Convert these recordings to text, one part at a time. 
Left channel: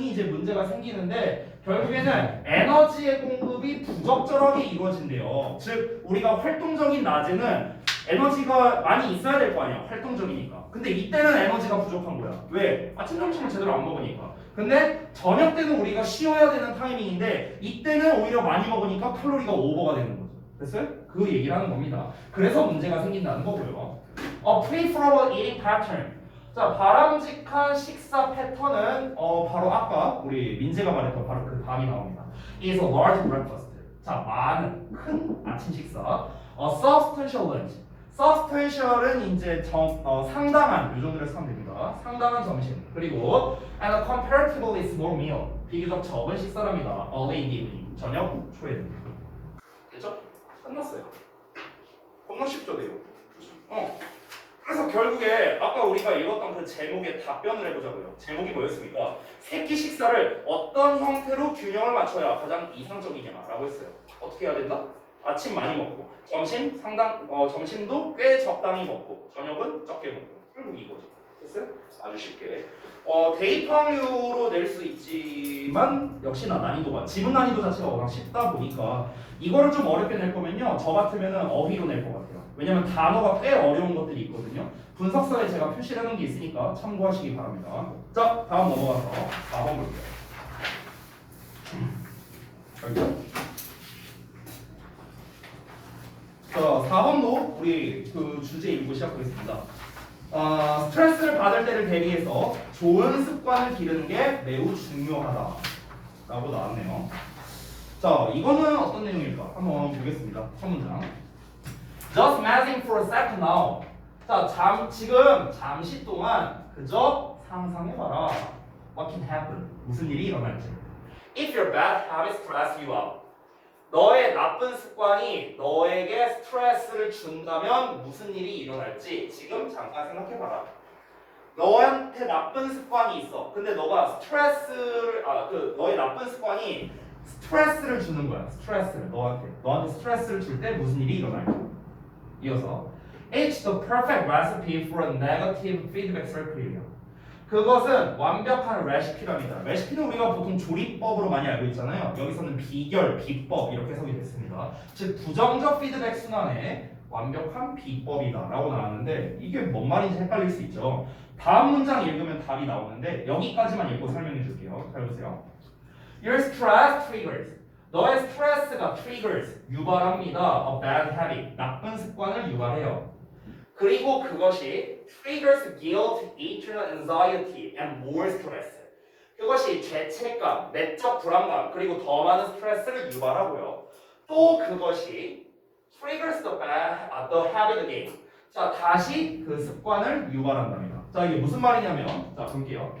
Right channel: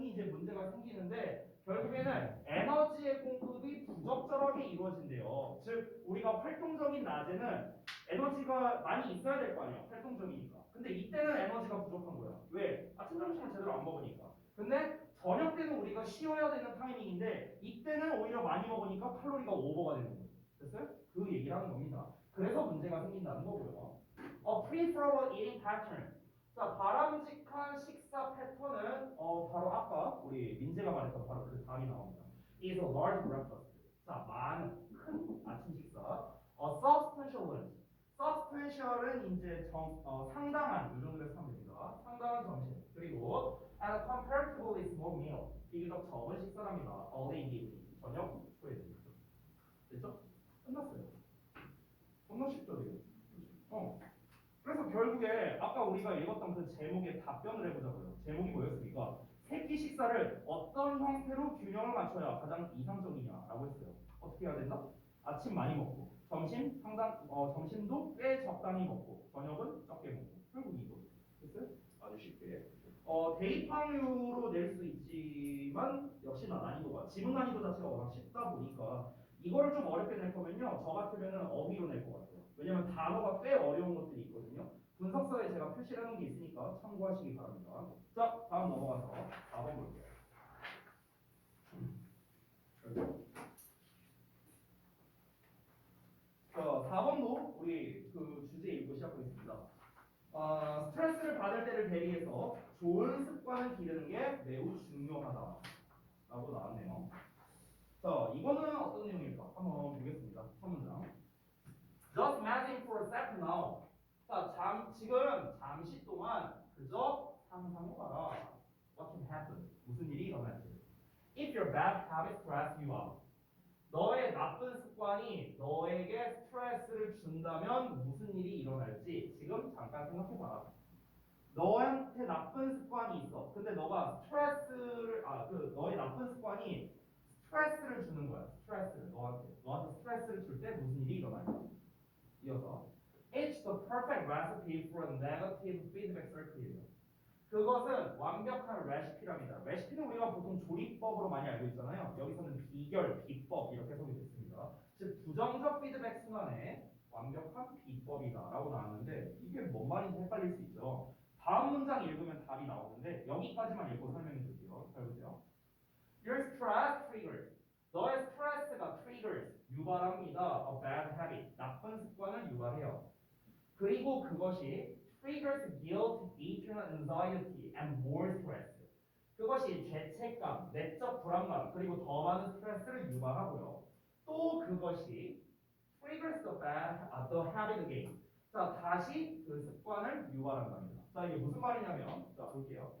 등이 이제 문제가 생기는데 결국에는 에너지의 공급이 부적절하게 이루어진대요. 즉 우리가 활동적인 낮에는 에너지가 많이 있어야 될 거 아니야. 활동적이니까. 근데 이때는 에너지가 부족한 거야. 왜? 아침 점심을 제대로 안 먹으니까. 근데 저녁 때는 우리가 쉬어야 되는 타이밍인데 이때는 오히려 많이 먹으니까 칼로리가 오버가 되는 거죠. 됐어요? 그 얘기를 하는 겁니다. 그래서 문제가 생긴다는 거고요. Preferable eating pattern. 자, 바람직한 식사 패턴은 바로 아까 우리 민재가 말했던 바로 그 다음이 나옵니다. is a large breakfast. 자, 많은 큰 아침 식사. Substantial lunch. Substantial은 이제 상당한 이 정도로 쓰면 됩니다. 상당한 점심. 그리고 and a comparatively small meal. 비교적 적은 식사랍니다. Early in the evening. 저녁 초에 됩니다. 됐죠? 끝났어요. 겁나 쉽죠, 내용. 그래서 결국에 아까 우리가 읽었던 그 제목에 답변을 해보자고요. 제목이 뭐였습니까? 새끼 식사를 어떤 형태로 균형을 맞춰야 가장 이상적이냐라고 했어요. 어떻게 해야 된다? 아침 많이 먹고 점심도 꽤 적당히 먹고 저녁은 적게 먹고 결국 이거죠. 됐어요? 아주 쉽게 대입항류로 낼 수 있지만 역시나 난이도가 지문 난이도 자체가 워낙 쉽다 보니까 이거를 좀 어렵게 낼 거면요 저 같으면은 어휘로 낼 것 같아요. 왜냐면 단어가 꽤 어려운 것들이 있거든요. 분석서에 제가 표시를 해놓은 게 있으니까 참고하시기 바랍니다. 자, 다음 넘어가서 4번 볼게요. 알죠? 자, 4번도 우리 그 주제 읽고 시작하겠습니다. 스트레스를 받을 때를 대비해서 좋은 습관을 기르는 게 매우 중요하다 라고 나왔네요. 자, 이거는 어떤 내용일까? 한번 보겠습니다. 첫 문장. Just imagine for a second now. 자, 지금 잠시 동안 그저 상상해봐라. What can happen? 무슨 일이 일어날지. If your bad habits stress you out. 너의 나쁜 습관이 너에게 스트레스를 준다면 무슨 일이 일어날지 지금 잠깐 생각해봐라. 너한테 나쁜 습관이 있어. 근데 너가 너의 나쁜 습관이 스트레스를 주는 거야. 스트레스를 너한테 스트레스를 줄 때 무슨 일이 일어날까? 이어서 It's the perfect recipe for a negative feedback circle. 그것은 완벽한 레시피랍니다. 레시피는 우리가 보통 조리법으로 많이 알고 있잖아요. 여기서는 비결, 비법 이렇게 해석이 됐습니다. 즉 부정적 피드백 순환의 완벽한 비법이다 라고 나왔는데 이게 뭔 말인지 헷갈릴 수 있죠. 다음 문장 읽으면 답이 나오는데 여기까지만 읽고 설명해 줄게요. 잘 보세요. Your stress triggers. 너의 스트레스가 triggers, 유발합니다. A bad habit, 나쁜 습관을 유발해요. 그리고 그것이 triggers guilt, internal anxiety, and more stress. 그것이 죄책감, 내적 불안감, 그리고 더 많은 스트레스를 유발하고요. 또 그것이 triggers the habit again. 자, 다시 그 습관을 유발한답니다. 자, 이게 무슨 말이냐면, 자, 볼게요.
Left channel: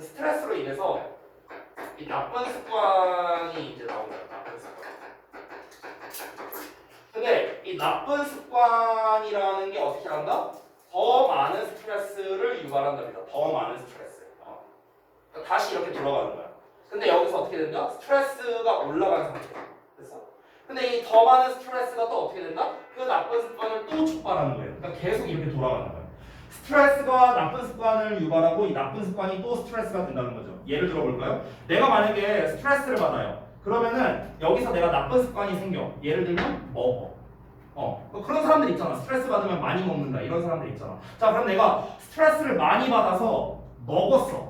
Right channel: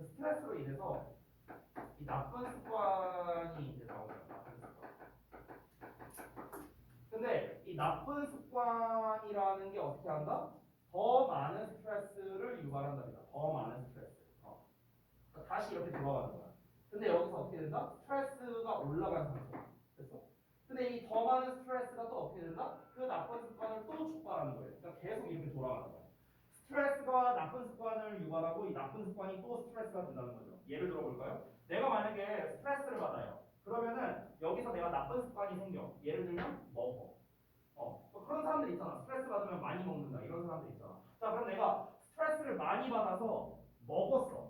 스트레스로 인해서 이 나쁜 습관이 이제 나옵니다. 나쁜 습관. 근데 이 나쁜 습관이라는 게 어떻게 한다? 더 많은 스트레스를 유발한답니다. 더 많은 스트레스. 그러니까 다시 이렇게 돌아가는 거야. 근데 여기서 어떻게 된다? 스트레스가 올라간 상태야. 됐어? 근데 이 더 많은 스트레스가 또 어떻게 된다? 그 나쁜 습관을 또 촉발하는 거예요. 그러니까 계속 이렇게 돌아가는 거야. 스트레스가 나쁜 습관을 유발하고 이 나쁜 습관이 또 스트레스가 된다는 거죠. 예를 들어 볼까요? 내가 만약에 스트레스를 받아요. 그러면은 여기서 내가 나쁜 습관이 생겨. 예를 들면 먹어. 그런 사람들 있잖아. 스트레스 받으면 많이 먹는다. 이런 사람들 있잖아. 자, 그럼 내가 스트레스를 많이 받아서 먹었어.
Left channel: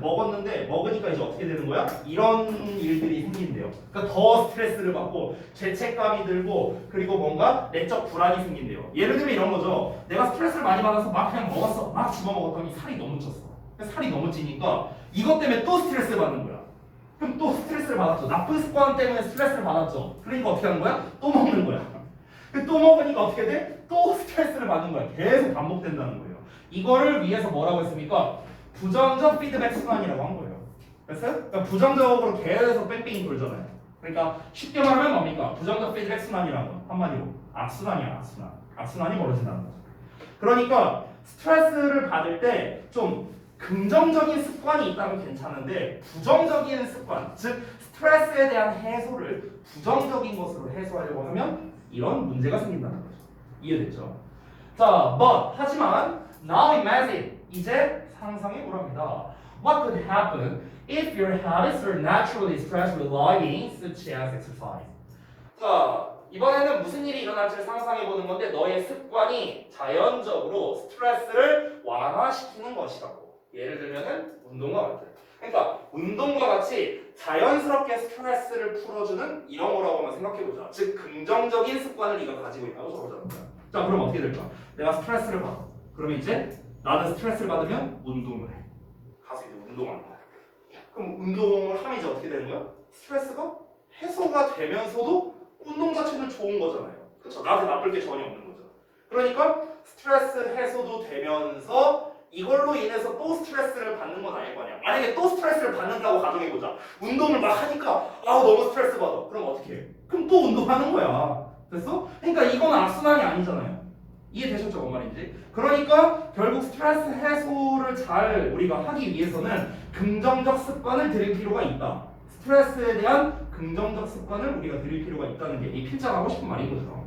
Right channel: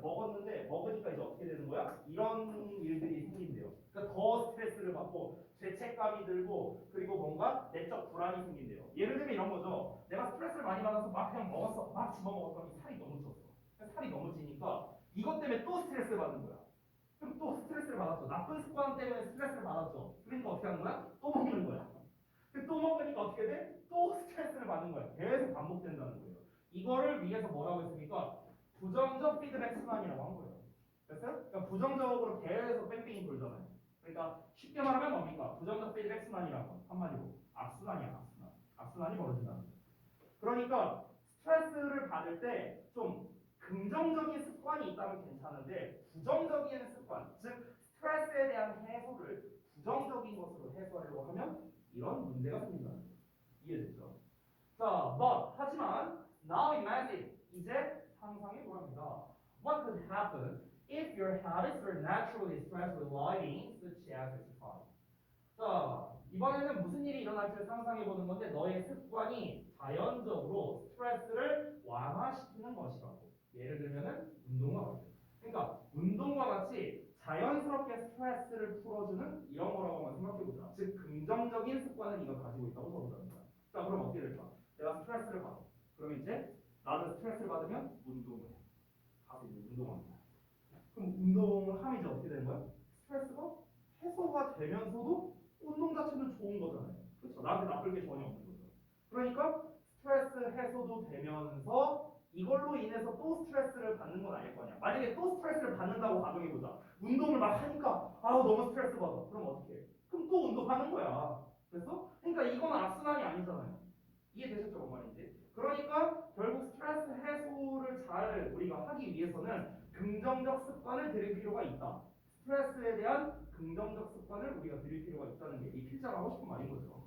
먹었는데 먹으니까 이제 어떻게 되는 거야? 이런 일들이 생긴대요. 그러니까 더 스트레스를 받고 죄책감이 들고 그리고 뭔가 내적 불안이 생긴대요. 예를 들면 이런 거죠. 내가 스트레스를 많이 받아서 막 그냥 먹었어. 막 집어먹었더니 살이 너무 쪘어. 살이 너무 찌니까 이것 때문에 또 스트레스를 받는 거야. 그럼 또 스트레스를 받았죠. 나쁜 습관 때문에 스트레스를 받았죠. 그러니까 어떻게 하는 거야? 또 먹는 거야. 또 먹으니까 어떻게 돼? 또 스트레스를 받는 거야. 계속 반복된다는 거예요. 이거를 위해서 뭐라고 했습니까? 부정적 피드백 순환이라고 한 거예요. 됐어요? 그러니까 부정적으로 계속 뺑뺑이 돌잖아요. 그러니까 쉽게 말하면 뭡니까? 부정적 피드백 순환이라는 건 한마디로 악순환이야. 악순환. 악순환이 벌어진다는 거죠. 그러니까 스트레스를 받을 때 좀 긍정적인 습관이 있다면 괜찮은데 부정적인 습관, 즉 스트레스에 대한 해소를 부정적인 것으로 해소하려고 하면 이런 문제가 생긴다는 거죠. 이해됐죠? 자, but 하지만 Now imagine. 이제 상상해 보랍니다. What could happen if your habits are naturally stress relieving, such as exercise? 자, 이번에는 무슨 일이 일어날지를 상상해 보는 건데 너의 습관이 자연적으로 스트레스를 완화시키는 것이라고. 예를 들면은 운동과 같은. 그러니까 운동과 같이 자연스럽게 스트레스를 풀어주는 이런 거라고 한번 생각해보자. 즉 긍정적인 습관을 네가 가지고 있다고 적어주는 거야. 자, 그럼 어떻게 될까? 내가 스트레스를 받아. 그러면 이제 나는 스트레스를 받으면 운동을 해. 가서 이제 운동하는 거야. 그럼 운동을 하면 이제 어떻게 되는 거야? 스트레스가 해소가 되면서도 운동 자체는 좋은 거잖아요. 그렇죠? 나한테 나쁠 게 전혀 없는 거죠. 그러니까 스트레스 해소도 되면서 이걸로 인해서 또 스트레스를 받는 건 아닐 거 아니야. 만약에 또 스트레스를 받는다고 가정해보자. 운동을 막 하니까 너무 스트레스 받아. 그럼 어떻게 해? 그럼 또 운동하는 거야. 됐어? 그러니까 이건 악순환이 아니잖아요. 이해되셨죠? 뭔 말인지? 그러니까 결국 스트레스 해소를 잘 우리가 하기 위해서는 긍정적 습관을 들일 필요가 있다. 스트레스에 대한 긍정적 습관을 우리가 들일 필요가 있다는 게 이 필자가 하고 싶은 말인 거죠.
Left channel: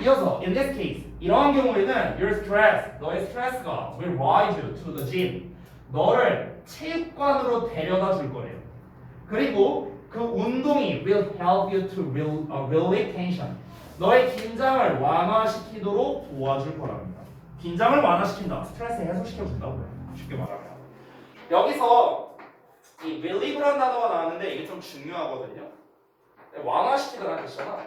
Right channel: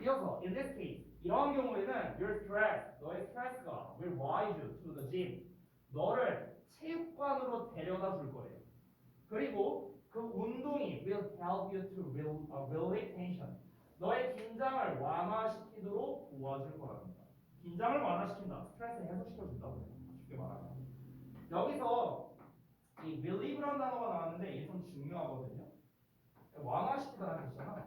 이어서 in this case 이러한 경우에는 your stress 너의 스트레스가 will ride you to the gym 너를 체육관으로 데려다 줄 거래요. 그리고 그 운동이 will help you to relieve tension 너의 긴장을 완화시키도록 도와줄 거랍니다. 긴장을 완화시킨다. 스트레스 해소시켜준다고요. 쉽게 말하면 여기서 이 relieve라는 단어가 나왔는데 이게 좀 중요하거든요. 완화시키다라는 뜻이잖아.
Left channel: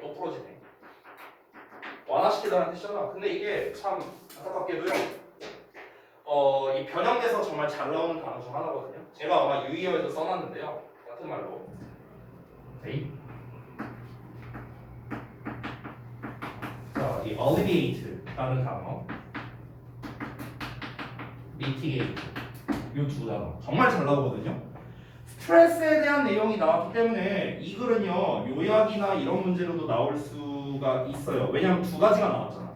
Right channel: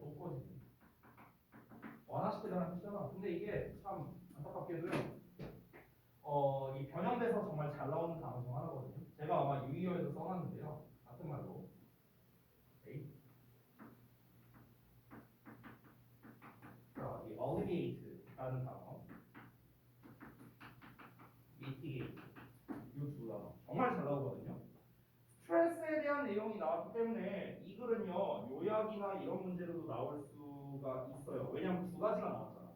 또 부러지네. 완화시키다라는 뜻이잖아. 근데 이게 참 안타깝게도요. 이 변형돼서 정말 잘 나오는 단어 중 하나거든요. 제가 아마 유의어에도 써놨는데요. 같은 말로. 에이. 자, 이 alleviate라는 단어, mitigate 이 두 단어 정말 잘 나오거든요. 스트레스에 대한 내용이 나왔기 때문에 이 글은요 요약이나 이런 문제로도 나올 수가 있어요. 왜냐하면 두 가지가 나왔잖아.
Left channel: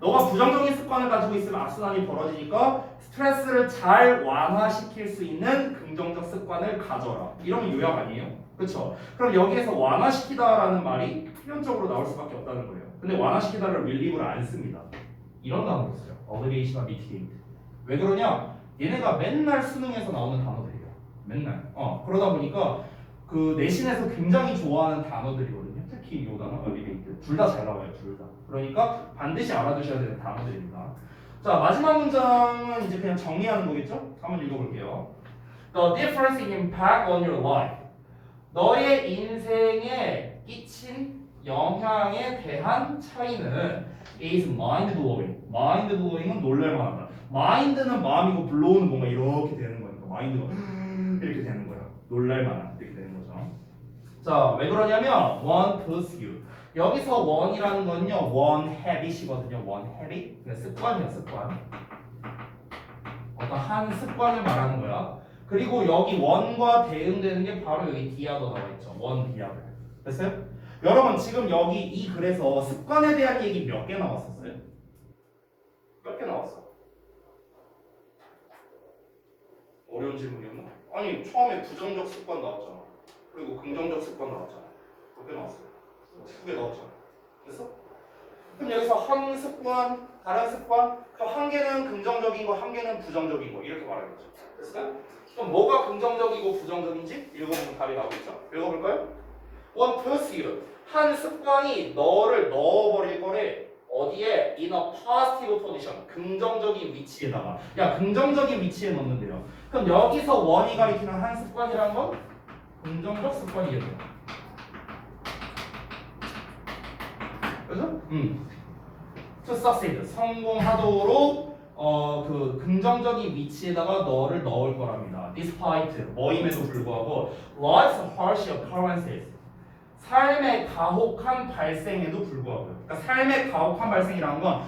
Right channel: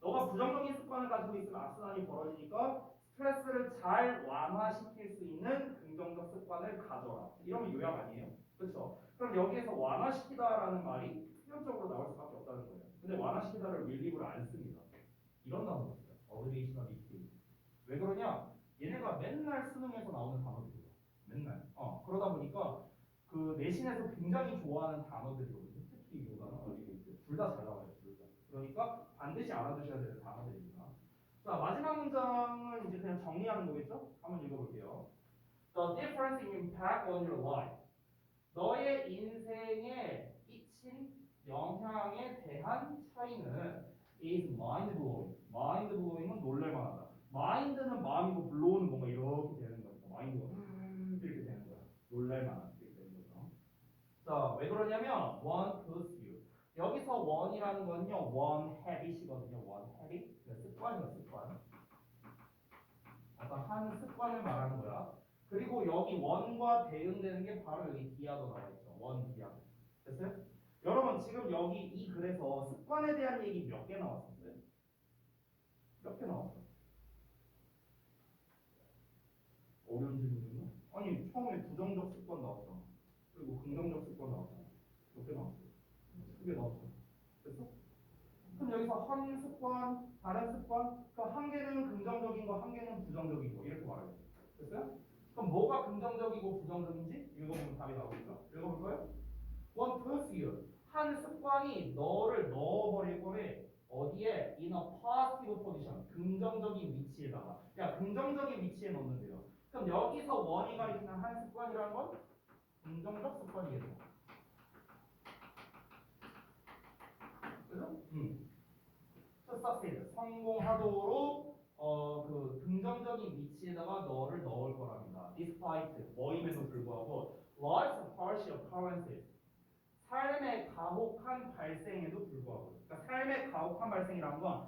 너가 부정적인 습관을 가지고 있으면 악순환이 벌어지니까 스트레스를 잘 완화시킬 수 있는 긍정적 습관을 가져라. 이러면 요약 아니에요? 그렇죠? 그럼 여기에서 완화시키다라는 말이 필연적으로 나올 수밖에 없다는 거예요. 근데 완화시키다를 relieve를 안 씁니다. 이런 단어를 써요. alleviation과 mitigate. 왜 그러냐? 얘네가 맨날 수능에서 나오는 단어들이에요. 맨날. 그러다 보니까 그 내신에서 굉장히 좋아하는 단어들이거든요. 특히 이 단어, alleviate. 둘 다 잘 나와요. 둘 다. 그러니까 반드시 알아두셔야 되는 단어들입니다. 자, 마지막 문장은 이제 그냥 정리하는 거겠죠? 한번 읽어볼게요. The difference in impact on your life. 너의 인생에 끼친 영향에 대한 차이는 is mind-blowing. mind-blowing은 놀랄만하다. mind는 마음이고 blow는 뭔가 이렇게 되는 거니까 mind가 이렇게 되는 거야. 놀랄만한 이렇게 되는 거죠. 자, 왜 그러냐면 one pursuit. 여기서 one이라는 건요 one habit이거든요. one habit. 그러니까 습관이야 습관. 어떤 한 습관을 말하는 거야. 그리고 여기 one과 대응되는 게 바로 여기 디아도 나와 있죠. one 디아들. 됐어요? 여러분 지금 여기 이 글에서 습관에 대한 얘기 몇 개 나왔었어요? 몇 개 나왔어? 어려운 질문이었나? 아니 처음에 부정적 습관 나왔잖아. 그리고 긍정적 습관 나왔잖아. 몇 개 나왔어요? 2개 나왔잖아. 됐어? 그럼 여기서 한 습관, 다른 습관, 그럼 한 개는 긍정적인 거, 한 개는 부정적인 거 이렇게 말하겠죠. 됐어요? 그럼 뭐가 긍정적이고 부정적인지 읽어보면 답이 나오겠죠? 읽어볼까요? One pursuit. 한 습관이 너를 넣어버릴 거래. 어디에? In a positive position. 긍정적인 위치에다가. 야, 긍정적인 위치에 넣는데요. 그럼 여기서 원이 가리키는 한 습관이라는 건 긍정적 습관이겠네요. 그죠? To succeed. 성공하도록 그 긍정적인 위치에다가 너를 넣을 거랍니다. Despite 뭐임에도 불구하고 life's harsh occurrences. 삶의 가혹한 발생에도 불구하고요. 그러니까 삶의 가혹한 발생이라는 건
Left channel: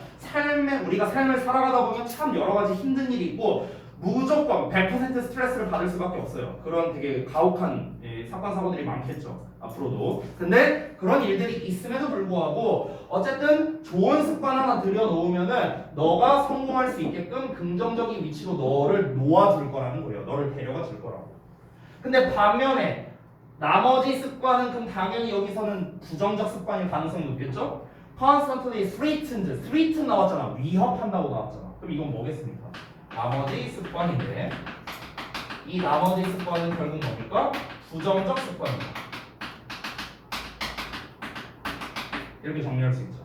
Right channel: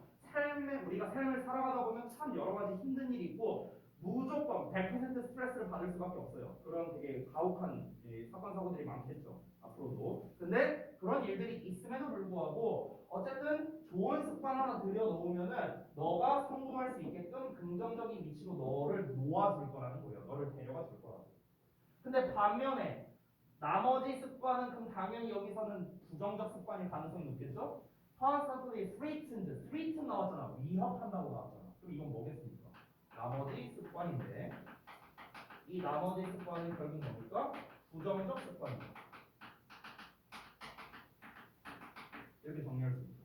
우리가 삶을 살아가다 보면 참 여러 가지 힘든 일이 있고 무조건 100% 스트레스를 받을 수밖에 없어요. 그런 되게 가혹한 사건 사고들이 많겠죠. 앞으로도. 근데 그런 일들이 있음에도 불구하고 어쨌든 좋은 습관 하나 들여놓으면은 너가 성공할 수 있게끔 긍정적인 위치로 너를 놓아줄 거라는 거예요. 너를 데려가 줄 거라고. 근데 반면에 나머지 습관은 그럼 당연히 여기서는 부정적 습관일 가능성이 높겠죠? constantly threatened. threaten 나왔잖아. 위협한다고 나왔잖아. 그럼 이건 뭐겠습니까? 나머지 습관인데 이 나머지 습관은 결국 뭡니까? 부정적 습관입니다. 이렇게 정리할 수 있죠.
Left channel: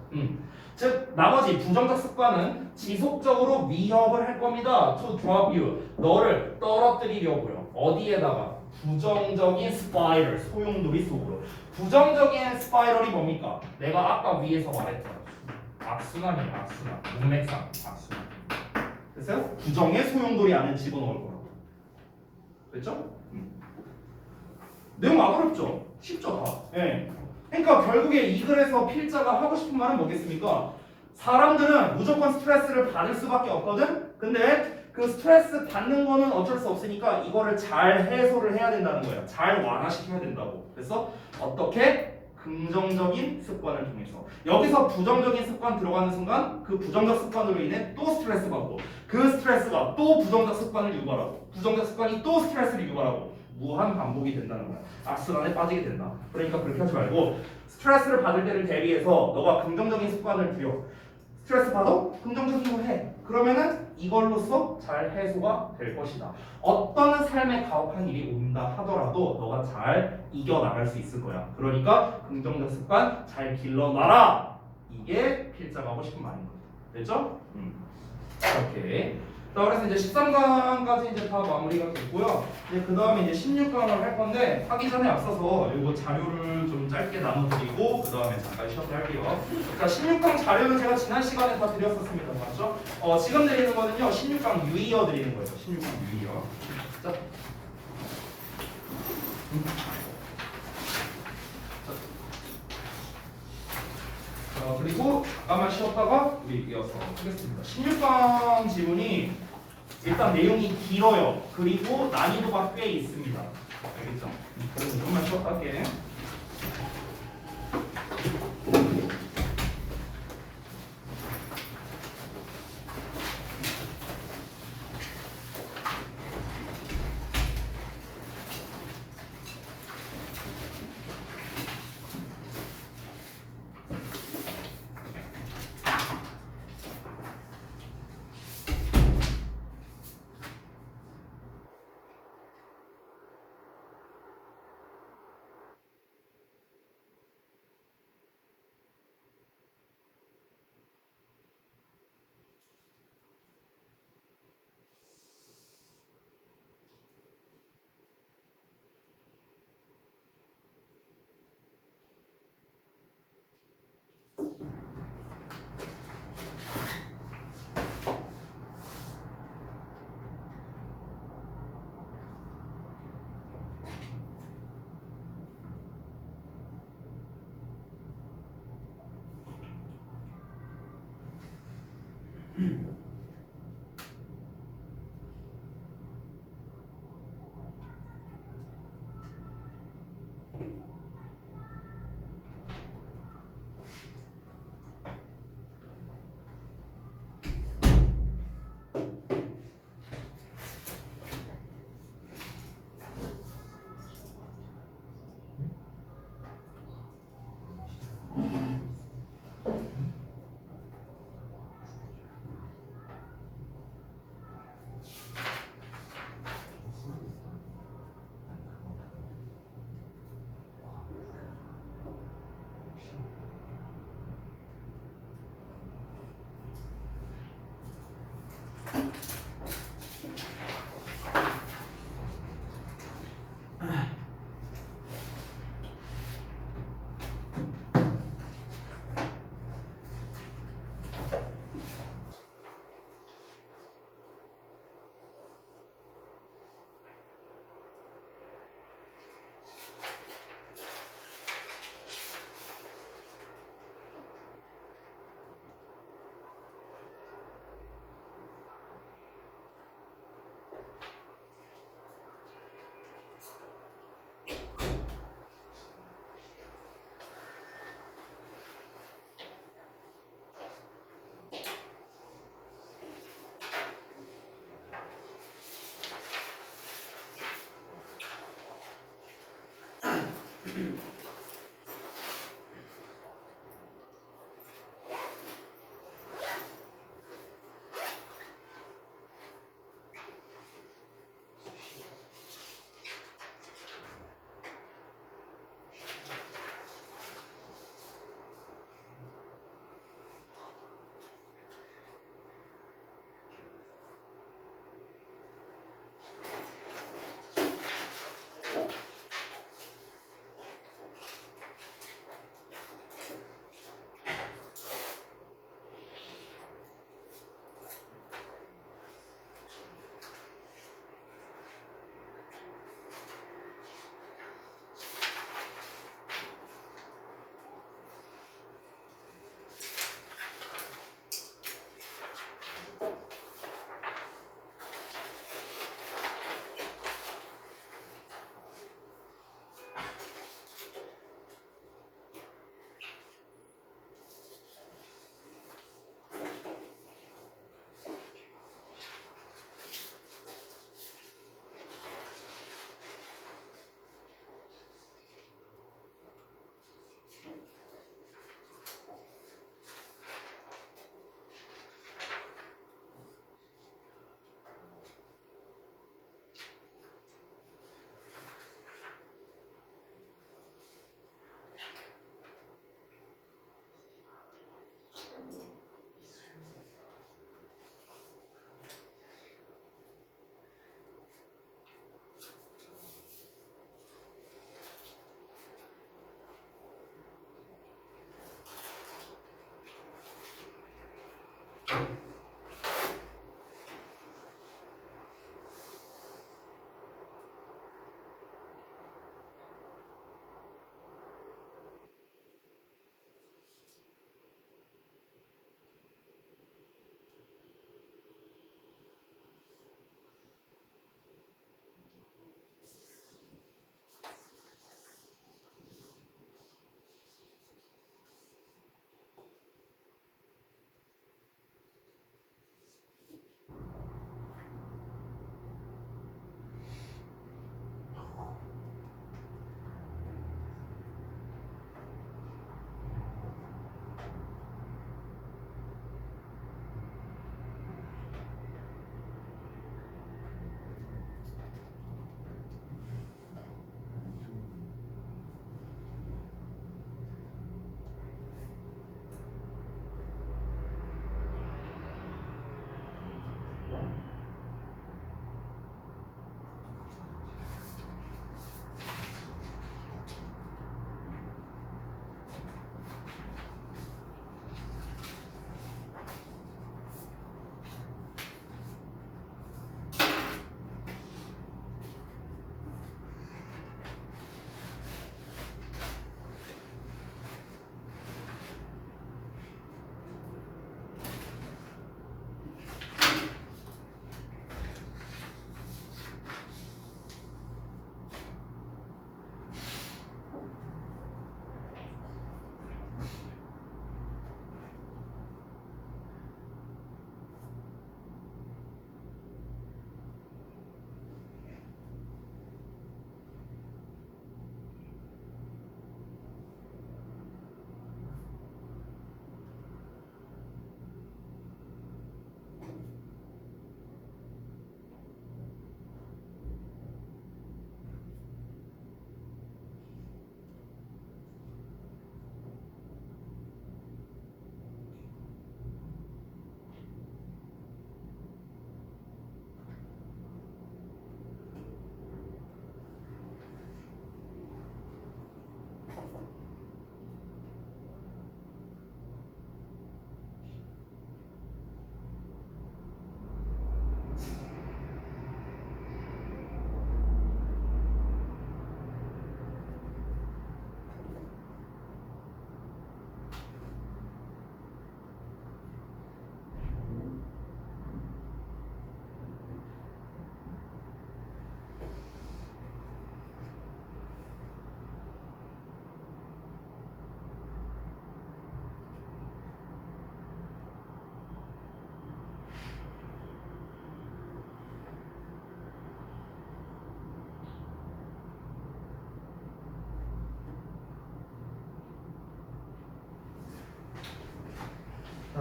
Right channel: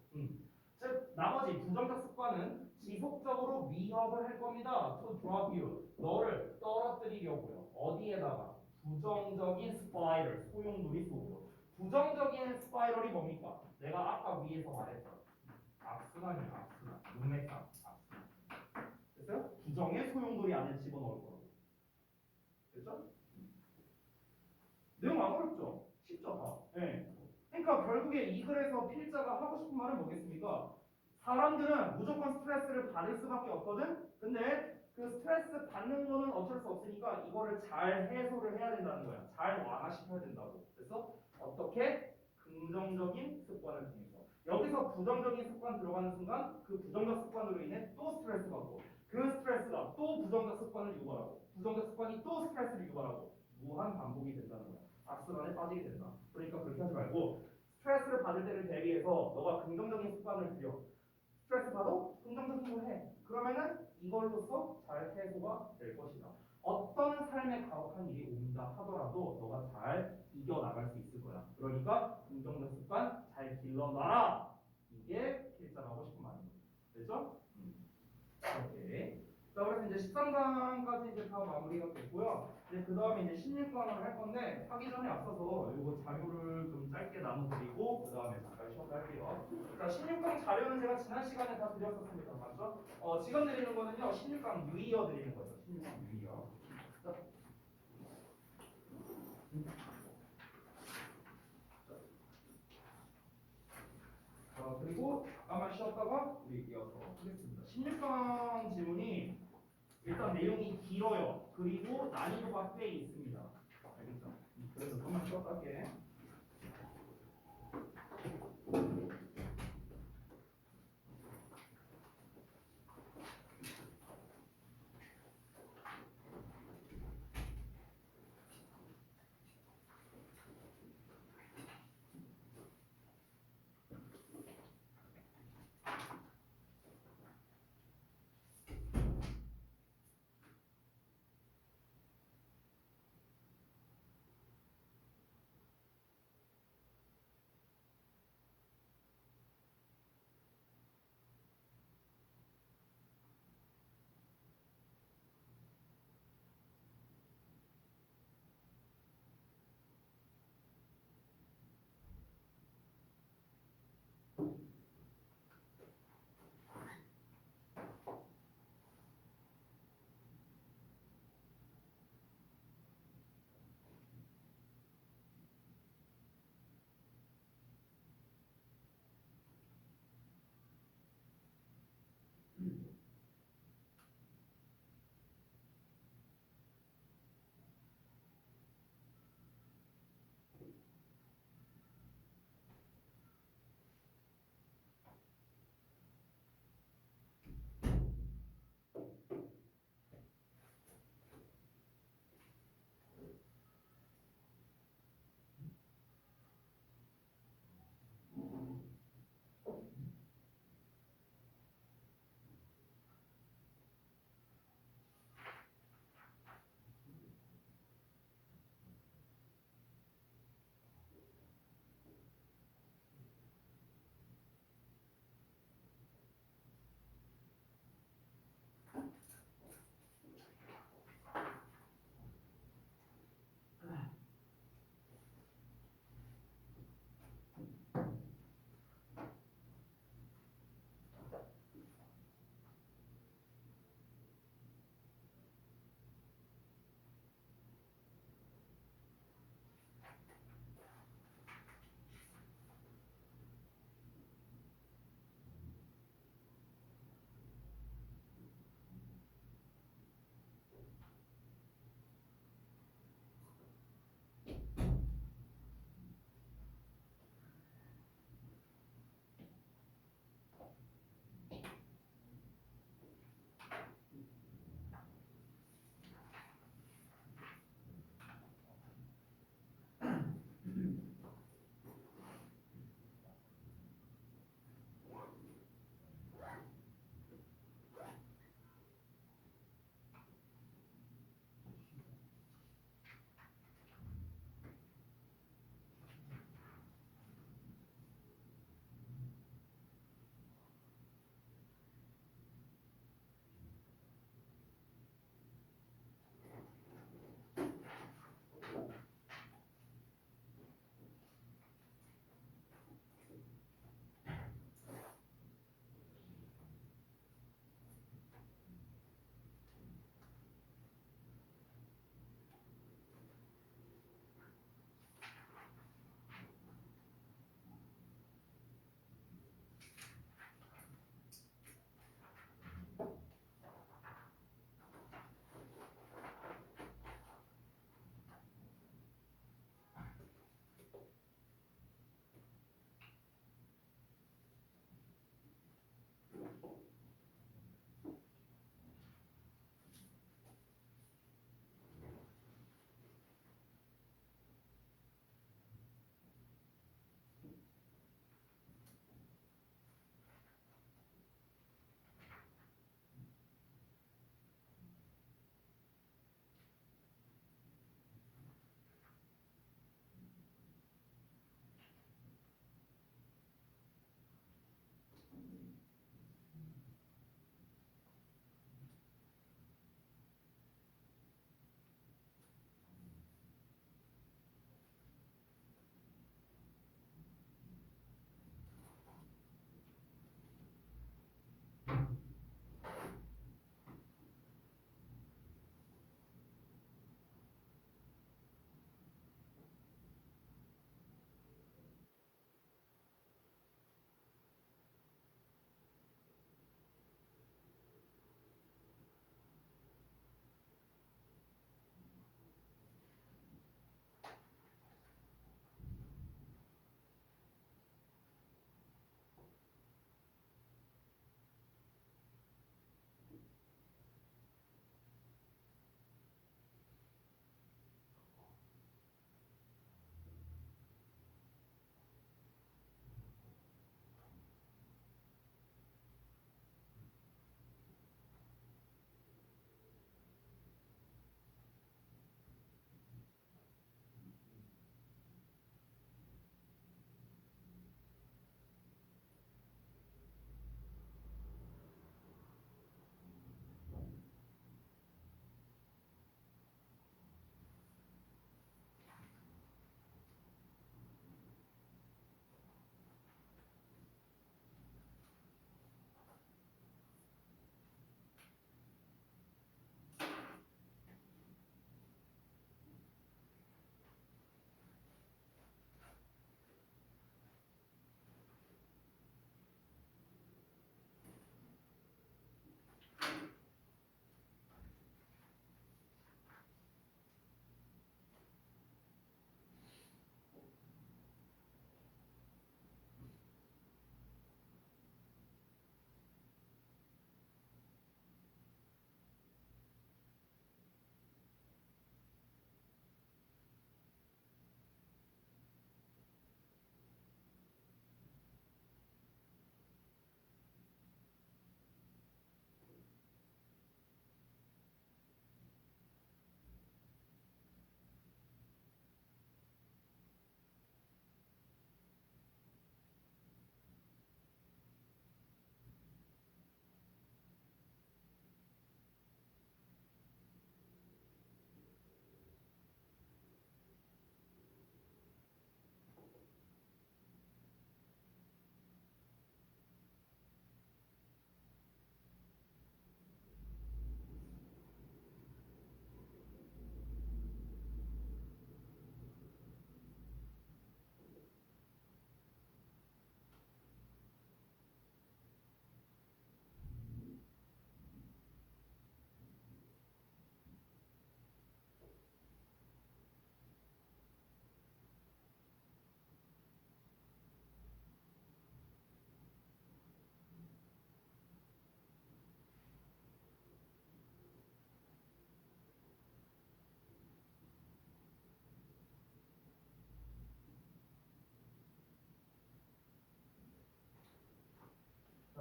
즉 나머지 부정적 습관은 지속적으로 위협을 할 겁니다. To drop you. 너를 떨어뜨리려고요. 어디에다가? 부정적인 스파이럴, 소용돌이 속으로. 부정적인 스파이럴이 뭡니까? 내가 아까 위에서 말했잖아. 악순환이에요. 악순환. 문맥상 악순환. 됐어요? 부정의 소용돌이 안에 집어넣을 거라고. 됐죠? 내용 안 어렵죠? 쉽죠 다. 예. 그러니까 결국에 이 글에서 필자가 하고 싶은 말은 뭐겠습니까? 사람들은 무조건 스트레스를 받을 수밖에 없거든? 근데 그 스트레스 받는 거는 어쩔 수 없으니까 이거를 잘 해소를 해야 된다는 거야. 잘 완화시켜야 된다고. 그래서 어떻게? 긍정적인 습관을 통해서. 여기서 부정적인 습관 들어가는 순간 그 부정적 습관으로 인해 또 스트레스 받고 그 스트레스가 또 부정적 습관을 유발하고 부정적 습관이 또 스트레스를 유발하고 무한 반복이 된다는 거야. 악순환에 빠지게 된다. 그러니까 그렇게 하지 말고 스트레스를 받을 때를 대비해서 너가 긍정적인 습관을 들여. 스트레스 받아? 긍정적인 거 해. 그러면은 이걸로써 잘 해소가 될 것이다. 어떤 삶에 가혹한 일이 온다 하더라도 너가 잘 이겨나갈 수 있을 거야. 그러니까 긍정적 습관 잘 길러놔라. 이게 필자가 하고 싶은 말인 거야. 됐죠? 이렇게. 자, 그래서 이제 13강까지 이제 다 마무리가 됐고요. 이제 그 다음에 이제 16강을 할 건데 하기 전에 앞서서 이거 자료를 좀 짧게 나눠드리고 그 다음에 잠깐 쉬어서 할게요. 자, 16강 자료는 제가 지난 시간에 다 드렸었습니다, 맞죠? 지금 드리는 거는요, 16강 유의어 드리는 거예요. 16강 유의어. 자. 그리고 잠깐만 쉬었다가 우리 이어서 하겠습니다. 16강 지문이 일단 내용이 길어요. 그리고 난이도가 꽤 있습니다. 알겠죠? 그래서 조금만 쉬었다 할게.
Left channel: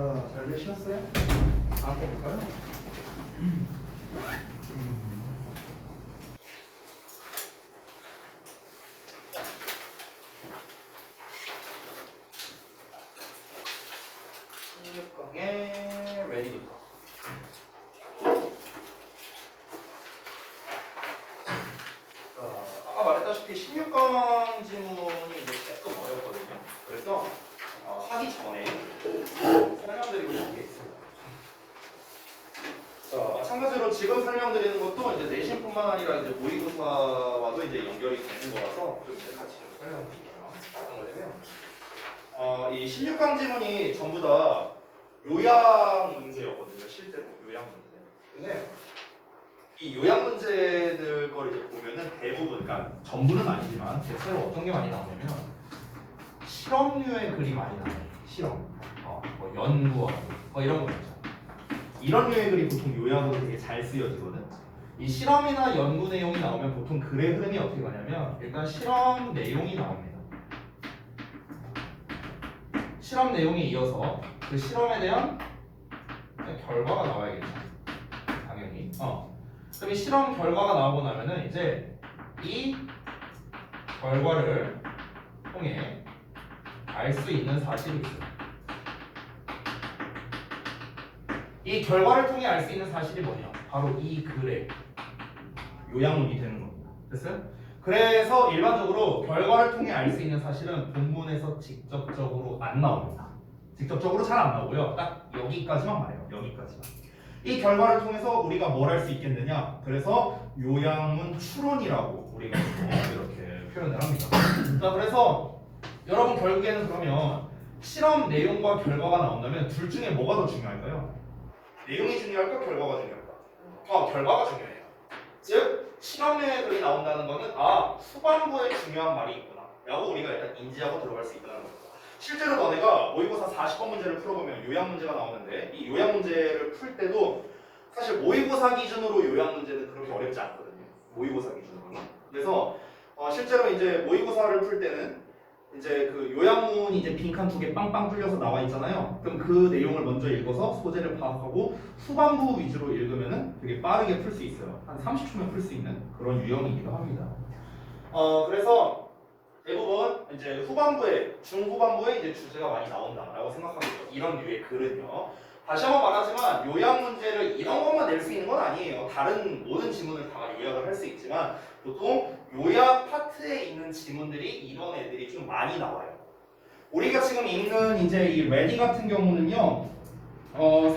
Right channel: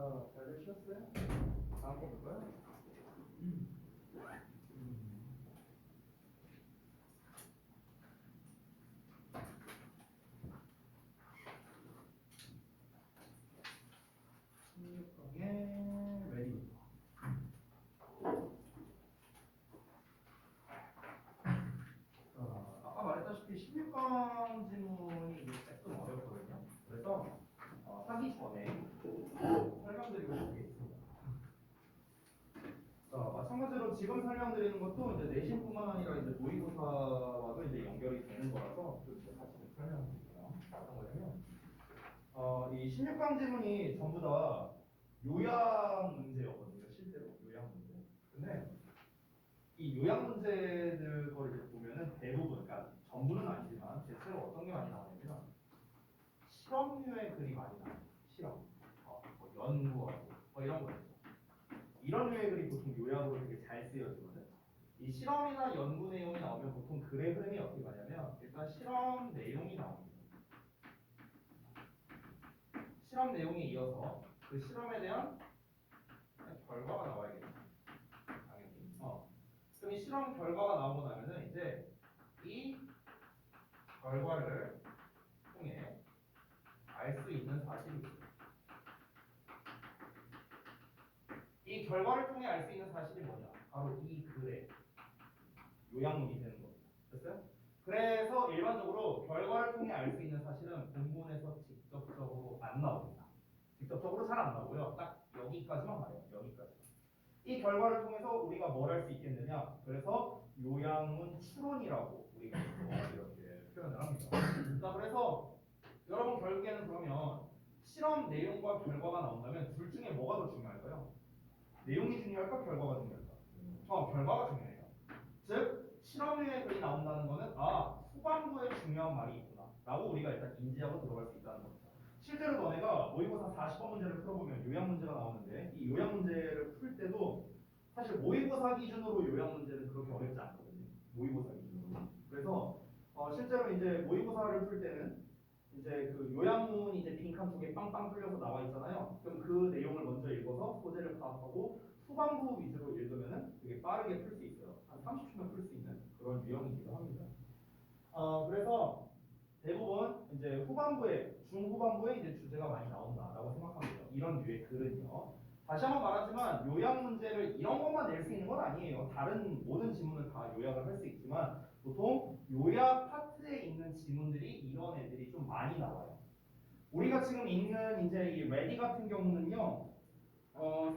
자, 잘 되셨어요? 다음 거 볼까요?16강의 레디부터. 아까 말했다시피 16강 지문이 이제 조금 어렵거든요. 그래서 하기 전에 설명드리고 싶은 게 있습니다. 자, 마찬가지로 지금 설명드리는 것도 이제 내신뿐만 아니라 이제 모의고사와도 이제 연결이 되는 거라서 좀 이제 같이 좀 설명드릴게요. 어떤 거냐면, 이 16강 지문이 전부 다 요약 문제였거든요. 실제로 요약 문제. 근데 이 요약 문제들 걸 이제 보면은 대부분, 그러니까 전부는 아니지만 대체로 어떤 게 많이 나오냐면 실험류의 글이 많이 나와요. 실험, 뭐 연구원, 이런 거 있죠. 이런 류의 글이 보통 요약으로 되게 잘 쓰여지거든. 이 실험이나 연구 내용이 나오면 보통 글의 흐름이 어떻게 가냐면 일단 실험 내용이 나옵니다. 실험 내용에 이어서 그 실험에 대한 결과가 나와야겠죠. 당연히. 그럼 이 실험 결과가 나오고 나면은 이제 이 결과를 통해 알 수 있는 사실이 있어요. 이 결과를 통해 알 수 있는 사실이 뭐냐? 바로 이 글의 요약문이 되는 겁니다. 됐어요? 그래서 일반적으로 결과를 통해 알 수 있는 사실은 본문에서 직접적으로 안 나옵니다. 직접적으로 잘 안 나오고요. 딱 여기까지만 말해요. 여기까지만. 이 결과를 통해서 우리가 뭘 할 수 있겠느냐? 그래서 요양문 추론이라고 우리가 이렇게 표현을 합니다. 자, 그래서 여러분 결국에는 그러면 실험 내용과 결과가 나온다면 둘 중에 뭐가 더 중요할까요? 내용이 중요할까? 결과가 중요할까? 결과가 중요해요. 즉 실험의 글이 나온다는 거는 후반부에 중요한 말이 있구나 라고 우리가 일단 인지하고 들어갈 수 있다는 겁니다. 실제로 너네가 모의고사 40번 문제를 풀어보면 요양 문제가 나오는데 이 요양 문제를 풀 때도 사실 모의고사 기준으로 요양 문제는 그렇게 어렵지 않거든요. 모의고사 기준으로는. 그래서 실제로 이제 모의고사를 풀 때는 이제 그 요양문이 이제 빈칸 2개 빵빵 뚫려서 나와 있잖아요. 그럼 그 내용을 먼저 읽어서 소재를 파악하고 후반부 위주로 읽으면은 되게 빠르게 풀 수 있어요. 한 30초면 풀 수 있는 그런 유형이기도 합니다. 그래서 대부분 이제 후반부에 중후반부에 이제 주제가 많이 나온다라고 생각하고 있죠. 이런 류의 글은요. 다시 한번 말하지만 요약 문제를 이런 것만 낼 수 있는 건 아니에요. 다른 모든 지문을 다 요약을 할 수 있지만 보통 요약 파트에 있는 지문들이 이런 애들이 좀 많이 나와요. 우리가 지금 읽는 이제 이 레디 같은 경우는요.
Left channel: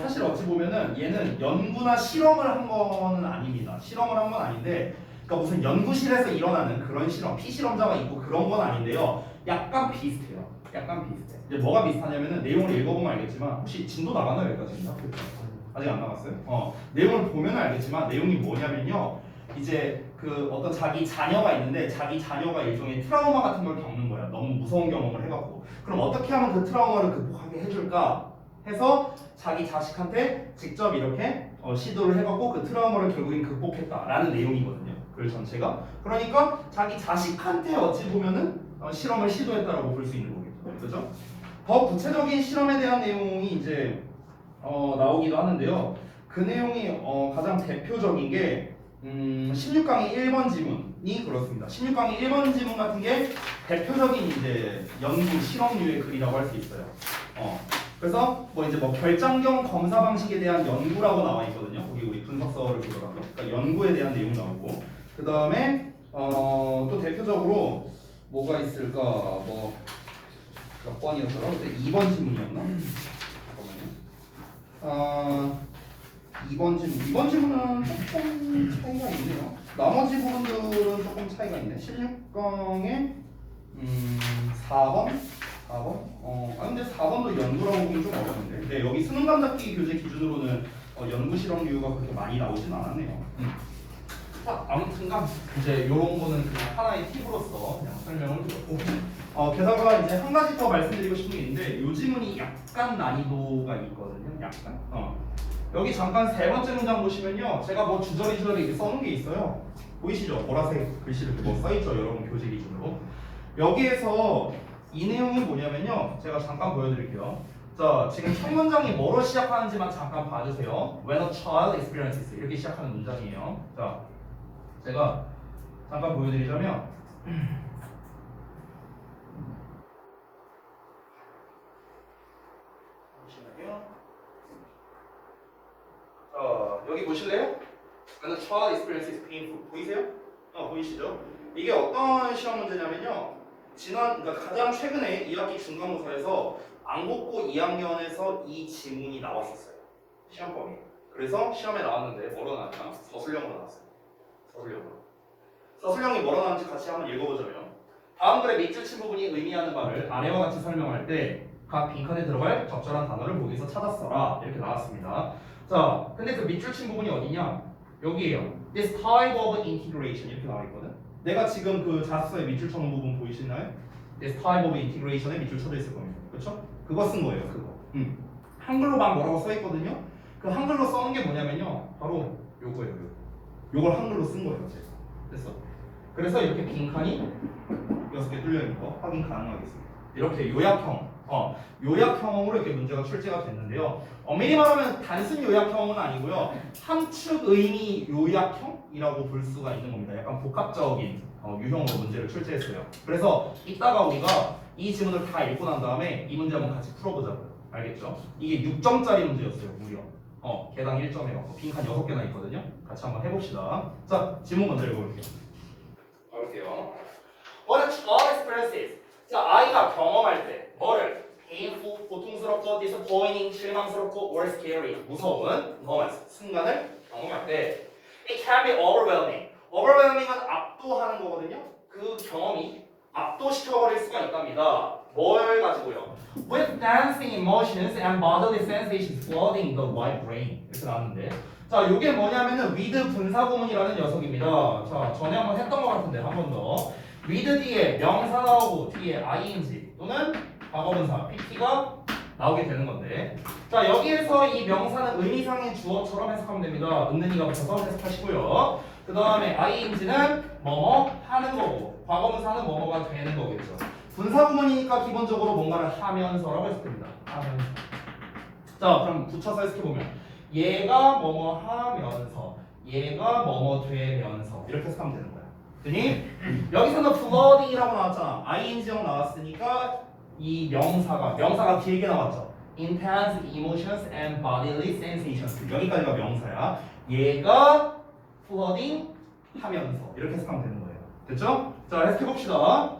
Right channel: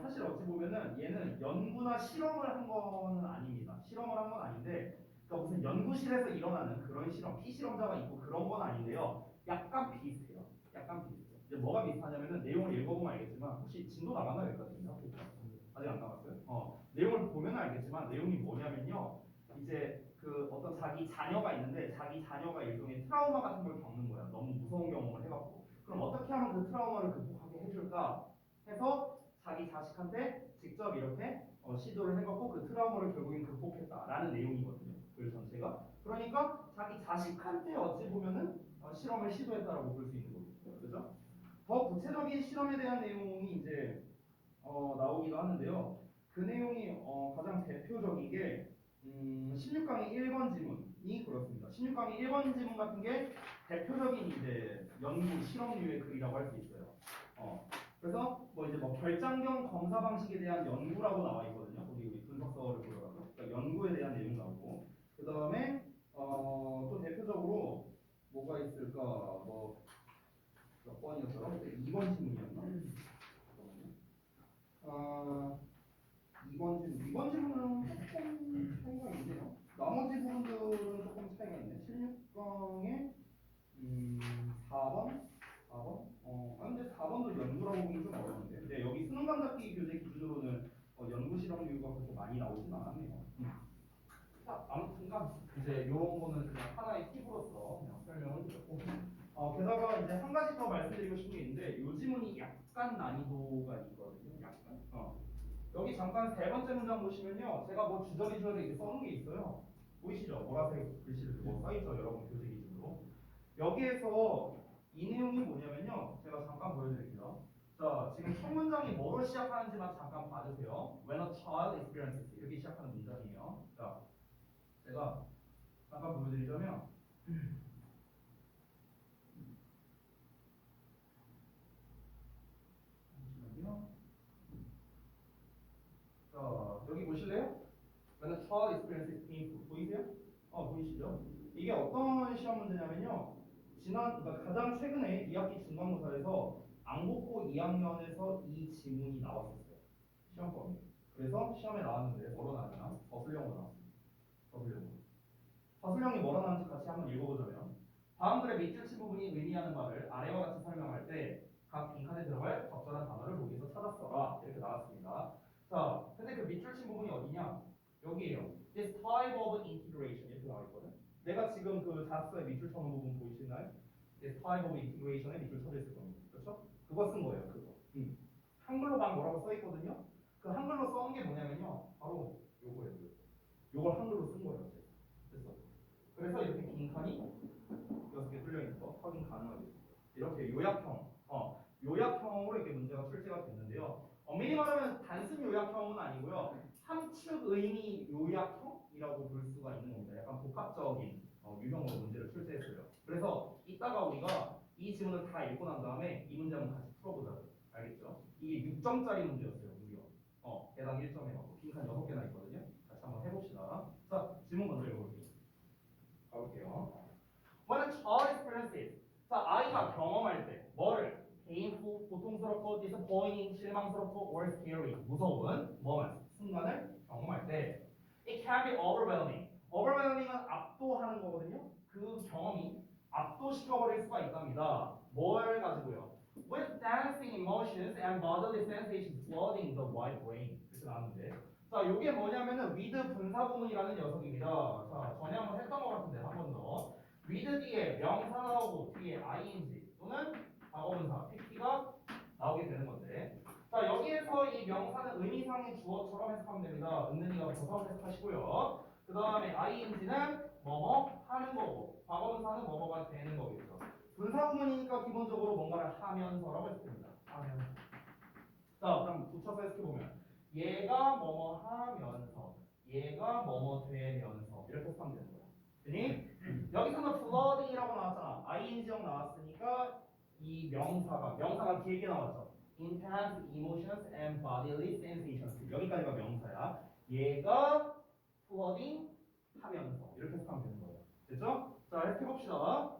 사실 어찌 보면은 얘는 연구나 실험을 한 거는 아닙니다. 실험을 한 건 아닌데 그러니까 무슨 연구실에서 일어나는 그런 실험, 피실험자가 있고 그런 건 아닌데요. 약간 비슷해요. 약간 비슷해. 이제 뭐가 비슷하냐면은 내용을 읽어보면 알겠지만 혹시 진도 나가나요? 여기까지? 아직 안 나갔어요? 내용을 보면 알겠지만 내용이 뭐냐면요. 이제 그 어떤 자기 자녀가 있는데 자기 자녀가 일종의 트라우마 같은 걸 겪는 거야. 너무 무서운 경험을 해갖고. 그럼 어떻게 하면 그 트라우마를 극복하게 해줄까? 해서 자기 자식한테 직접 이렇게 시도를 해갖고 그 트라우마를 결국엔 극복했다라는 내용이거든요. 글 전체가. 그러니까 자기 자식한테 어찌 보면은 실험을 시도했다라고 볼 수 있는 거겠죠. 그렇죠? 더 구체적인 실험에 대한 내용이 이제 나오기도 하는데요. 그 내용이 가장 대표적인 게 16강의 1번 지문이 그렇습니다. 16강의 1번 지문 같은 게 대표적인 이제 연구 실험류의 글이라고 할 수 있어요. 그래서 뭐 결장경 검사 방식에 대한 연구라고 나와 있거든요. 거기 우리 분석서를 보더라도 그러니까 연구에 대한 내용 나오고 그 다음에 또 대표적으로 뭐가 있을까 몇 번이었더라? 그때 2번 지문이었나? 잠깐만요. 2번 지문은 조금 차이가 있네요. 나머지 부분들은 조금 차이가 있네. 16강에 4번? 근데 4번도 연구라고 보면 좀 어려운데. 근데 여기 수능 감잡기 교재 기준으로는 연구 실험류가 그렇게 많이 나오진 않았네요. 아무튼간 이제 이런 거는 그냥 하나의 팁으로서 그냥 설명을 드렸고 게다가 이제 한 가지 더 말씀드리고 싶은 게 있는데 요 지문이 약간 난이도가 있거든요. 약간. 여기 잠깐 세 번째 문장 보시면요. 제가 뭐 주저리 이렇게 써놓은 게 있어요. 보이시죠? 보라색 글씨를 뭐 써있죠? 여러분 교재 기준으로. 여기에서 이 내용이 뭐냐면요. 제가 잠깐 보여드릴게요. 자, 지금 첫 문장이 뭐로 시작하는지만 잠깐 봐주세요. When a child experiences 이렇게 시작하는 문장이에요. 자, 제가 잠깐 보여드리자면 잠시만요. 자, 여기 보실래요? When a child experiences painful 보이세요? 보이시죠? 이게 어떤 시험 문제냐면요. 그러니까 가장 최근에 2학기 중간고사에서 안국고 2학년에서 이 지문이 나왔었어요. 시험범위. 그래서 시험에 나왔는데 뭐로 나왔냐? 서술형으로 나왔어요. 서술형이 뭐로 나왔는지 같이 한번 읽어보자면 다음 글의 밑줄 친 부분이 의미하는 바를 아래와 같이 설명할 때 각 빈칸에 들어갈 적절한 단어를 보기에서 찾아써라 이렇게 나왔습니다. 자, 근데 그 밑줄 친 부분이 어디냐? 여기에요. This type of integration 이렇게 나와 있거든. 내가 지금 그 자습서에 밑줄 쳐놓은 부분 보이시나요? This type of integration에 밑줄 쳐져 있을 겁니다. 그렇죠? 그거 쓴 거예요. 그거. 한글로 막 뭐라고 써 있거든요. 그 한글로 써놓은 게 뭐냐면요. 바로 요거예요. 요걸 한글로 쓴 거예요. 제가. 됐어. 그래서 이렇게 빈칸이 6개 뚫려 있는 거 확인 가능하겠습니다. 이렇게 요약형으로 이렇게 문제가 출제가 됐는데요. 엄밀히 말하면 단순 요약형은 아니고요. 함축 의미 요약형이라고 볼 수가 있는 겁니다. 약간 복합적인 유형으로 문제를 출제했어요. 그래서 이따가 우리가 이 지문을 다 읽고 난 다음에 이 문제 한번 같이 풀어보자고요. 알겠죠? 이게 6점짜리 문제였어요. 무려. 개당 1점 해갖고 빈칸 6개나 있거든요. 같이 한번 해봅시다. 자, 지문 먼저 읽어볼게요. What a child experiences. 자, 아이가 경험할 때 뭐를? painful 고통스럽고 disappointing, 실망스럽고 or scary, 무서운 moments, 순간을 경험할 때 it can be overwhelming. overwhelming은 압도하는 거거든요. 그 경험이 압도시켜버릴 수가 있답니다. 뭘 가지고요? With dancing emotions and bodily sensations flooding the right brain. 이렇게 나왔는데 자, 이게 뭐냐면은 with 분사구문이라는 녀석입니다. 자, 전에 한번 했던 것 같은데 한 번 더. with 뒤에 명사 나오고 뒤에 ing 또는 과거분사 PT가 나오게 되는 건데 자, 여기에서 이 명사는 의미상의 주어처럼 해석하면 됩니다. 있는 이가 붙여서 해석하시고요. 그 다음에 ing는 뭐뭐 하는 거고 과거분사는 뭐뭐가 되는 거겠죠. 분사구문이니까 기본적으로 뭔가를 하면서라고 해석됩니다. 하면서. 자, 그럼 붙여서 해석해보면 얘가 뭐뭐 하면서 얘가 뭐뭐 되면서 이렇게 해석하면 되는 거야. 그니 여기서는 flooding이라고 나왔잖아. ing형 나왔으니까 이 명사가 길게 나왔죠. intense emotions and bodily sensations. 여기까지가 명사야. 얘가 flooding 하면서 이렇게 해석하면 되는 거예요. 됐죠? 자, 해석해봅시다.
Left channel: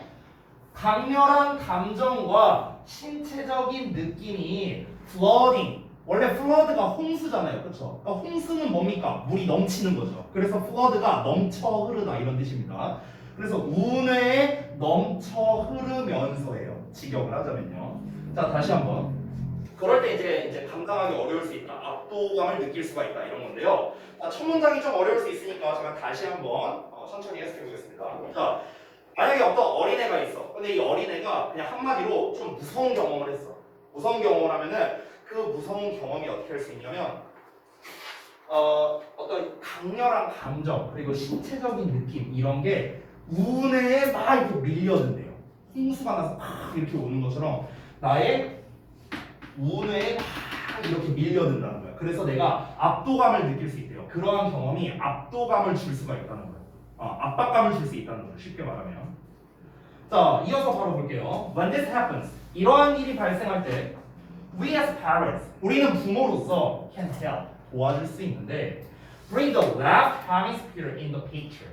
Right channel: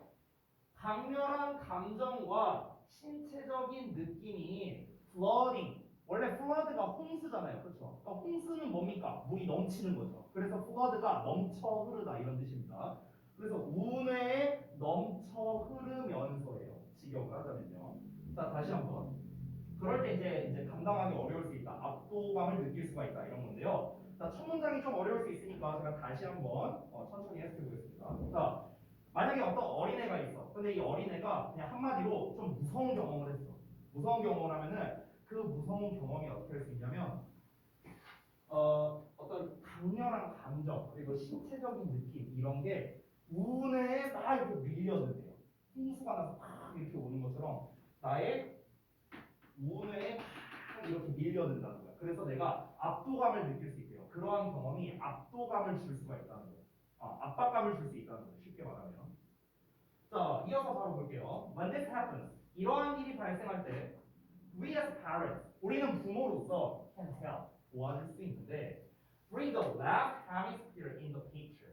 강렬한 감정과 신체적인 느낌이 flooding. 원래 flood가 홍수잖아요. 그렇죠? 그러니까 홍수는 뭡니까? 물이 넘치는 거죠. 그래서 flood가 넘쳐 흐르다 이런 뜻입니다. 그래서 운에 넘쳐 흐르면서예요. 직역을 하자면요. 자, 다시 한번. 그럴 때 이제 감당하기 어려울 수 있다. 압도감을 느낄 수가 있다. 이런 건데요. 첫 문장이 좀 어려울 수 있으니까 제가 다시 한번 천천히 해석해 보겠습니다. 자, 만약에 어떤 어린애가 있어. 근데 이 어린애가 그냥 한마디로 좀 무서운 경험을 했어. 무서운 경험을 하면은 그 무서운 경험이 어떻게 할 수 있냐면 어떤 강렬한 감정 그리고 신체적인 느낌 이런 게 운해에 막 이렇게 밀려든대요. 홍수가 나서 막 이렇게 오는 것처럼 나의 운해에 막 이렇게 밀려든다는 거야. 그래서 내가 압도감을 느낄 수 있대요. 그러한 경험이 압도감을 줄 수가 있다는 거야. 압박감을 줄 수 있다는 거죠. 쉽게 말하면. 자, 이어서 바로 볼게요. When this happens, 이러한 일이 발생할 때 we as parents, 우리는 부모로서 can help, 도와줄 수 있는데 bring the left hemisphere in the picture.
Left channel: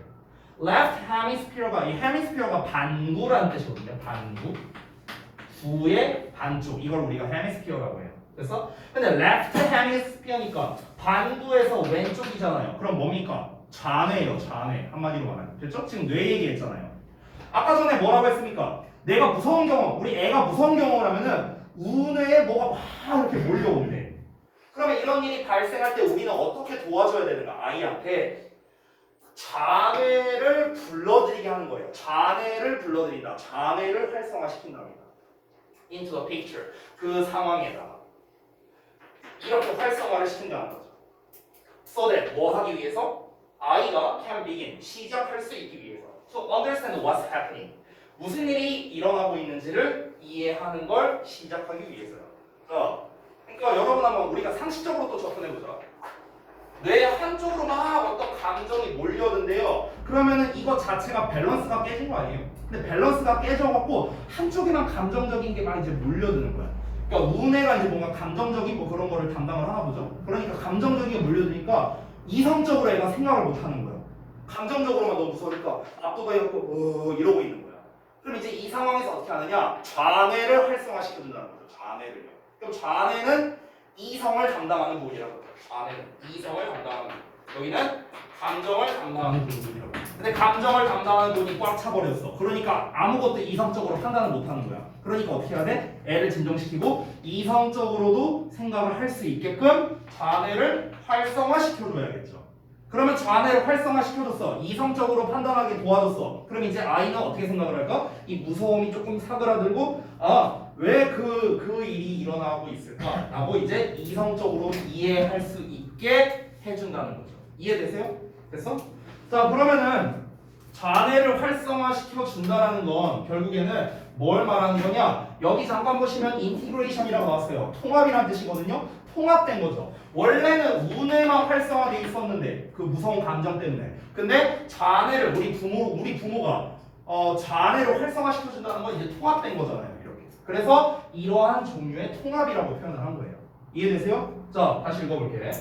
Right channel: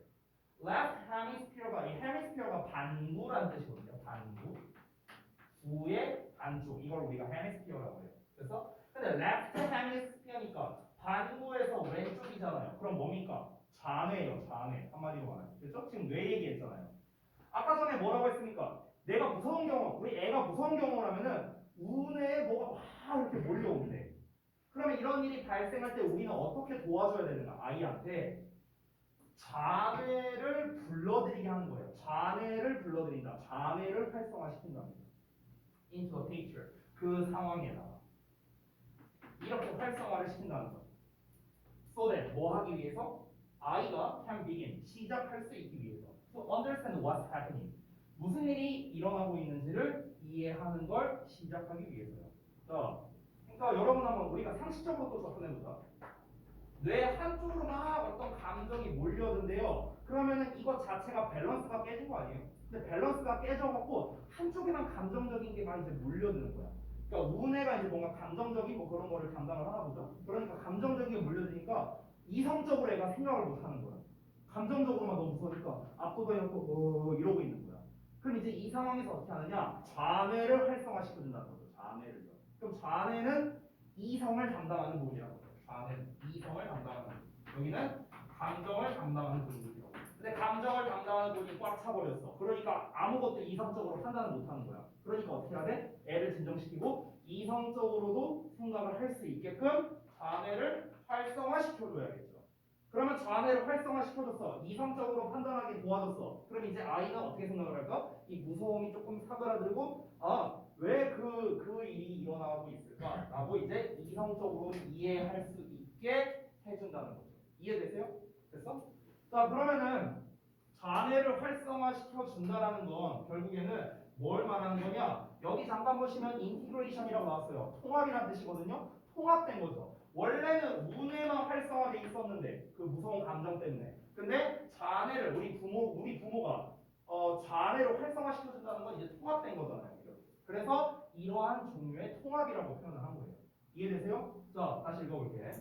left hemisphere가 이 hemisphere가 반구라는 뜻이거든요. 반구. 구의 반쪽. 이걸 우리가 hemisphere라고 해요. 그래서 근데 left hemisphere니까 반구에서 왼쪽이잖아요. 그럼 뭡니까? 좌뇌예요. 좌뇌. 한마디로 말하면. 됐죠? 지금 뇌 얘기했잖아요. 아까 전에 뭐라고 했습니까? 내가 무서운 경험, 우리 애가 무서운 경험을 하면은 운에 뭐가 막 이렇게 몰려온대. 그러면 이런 일이 발생할 때 우리는 어떻게 도와줘야 되는가? 아이한테 좌뇌를 불러들이게 하는 거예요. 좌뇌를 불러들인다. 좌뇌를 활성화시킨답니다. Into the picture. 그 상황에다가 이렇게 활성화를 시킨다는 거죠. So that 뭐 하기 위해서? 아이가 can begin. 시작할 수 있기 위해서. So understand what's happening. 무슨 일이 일어나고 있는지를 이해하는 걸 시작하기 위해서요. 자, 그러니까 여러분 한번 우리가 상식적으로 또 접근해보자. 뇌 한쪽으로 막 어떤 감정이 몰려든데요. 그러면은 이거 자체가 밸런스가 깨진 거 아니에요? 근데 밸런스가 깨져갖고 한쪽에만 감정적인 게 막 이제 몰려드는 거야. 그러니까 운해가 이제 뭔가 감정적인 뭐 그런 거를 담당을 하나 보죠. 그러니까 감정적인 게 몰려드니까 이성적으로 애가 생각을 못 하는 거야. 감정적으로만 너무 무서우니까 압도돼갖고 이러고 있는 거야. 그럼 이제 이 상황에서 어떻게 하느냐? 좌뇌를 활성화시켜준다는 거죠. 좌뇌를요. 그럼 좌뇌는 이성을 담당하는 부분이라고 해요. 좌뇌는 이성을 담당하는 부분. 여기는 감정을 담당하는 부분이라고 해요. 근데 감정을 담당하는 부분이 꽉 차버렸어. 그러니까 아무것도 이성적으로 판단을 못하는 거야. 그러니까 어떻게 해야 돼? 애를 진정시키고 이성적으로도 생각을 할 수 있게끔 좌뇌를 활성화시켜줘야겠죠. 그러면 좌뇌를 활성화시켜줬어. 이성적으로 판단하게 도와줬어. 그럼 이제 아이는 어떻게 생각을 할까? 이 무서움이 조금 사그라들고 왜 그 일이 일어나고 있을까? 라고 이제 이성적으로 이해할 수 있게 해준다는 거죠. 이해되세요? 됐어? 자, 그러면은 좌뇌를 활성화시켜 준다라는 건 결국에는 뭘 말하는 거냐? 여기 잠깐 보시면 인티그레이션이라고 나왔어요. 통합이라는 뜻이거든요. 통합된 거죠. 원래는 우뇌만 활성화돼 있었는데 그 무서운 감정 때문에. 근데 좌뇌를 우리 부모가 좌뇌를 활성화시켜 준다는 건 이제 통합된 거잖아요. 이렇게. 그래서 이러한 종류의 통합이라고 표현을 한 거예요. 이해되세요? 자, 다시 읽어볼게.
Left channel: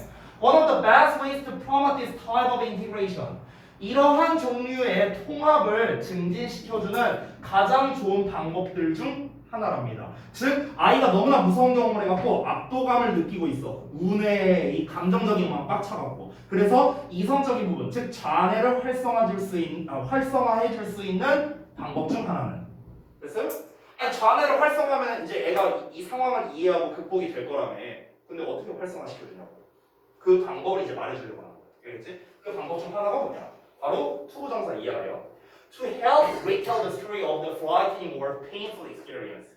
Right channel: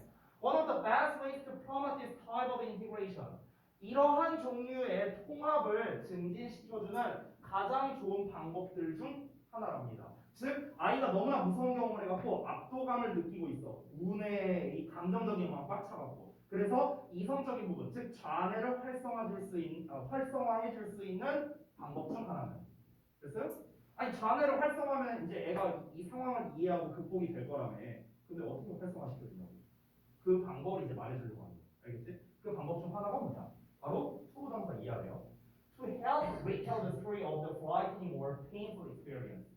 One of the best ways to promote this type of integration. 이러한 종류의 통합을 증진시켜주는 가장 좋은 방법들 중 하나랍니다. 즉 아이가 너무나 무서운 경험을 해갖고 압도감을 느끼고 있어. 운에 이 감정적인 막 꽉 차갖고. 그래서 이성적인 부분, 즉 자아내를 활성화해 줄 수 있는 방법 중 하나는. 됐어요? 아니 자아내를 활성화하면 이제 애가 이 상황을 이해하고 극복이 될 거라며. 근데 어떻게 활성화시켜주냐고. 그 방법을 이제 말해주려고 하는 거야. 알겠지? 그 방법 중 하나가 뭐냐? 바로 투부정사 이하예요. To help retell the story of the frightening or painful experience.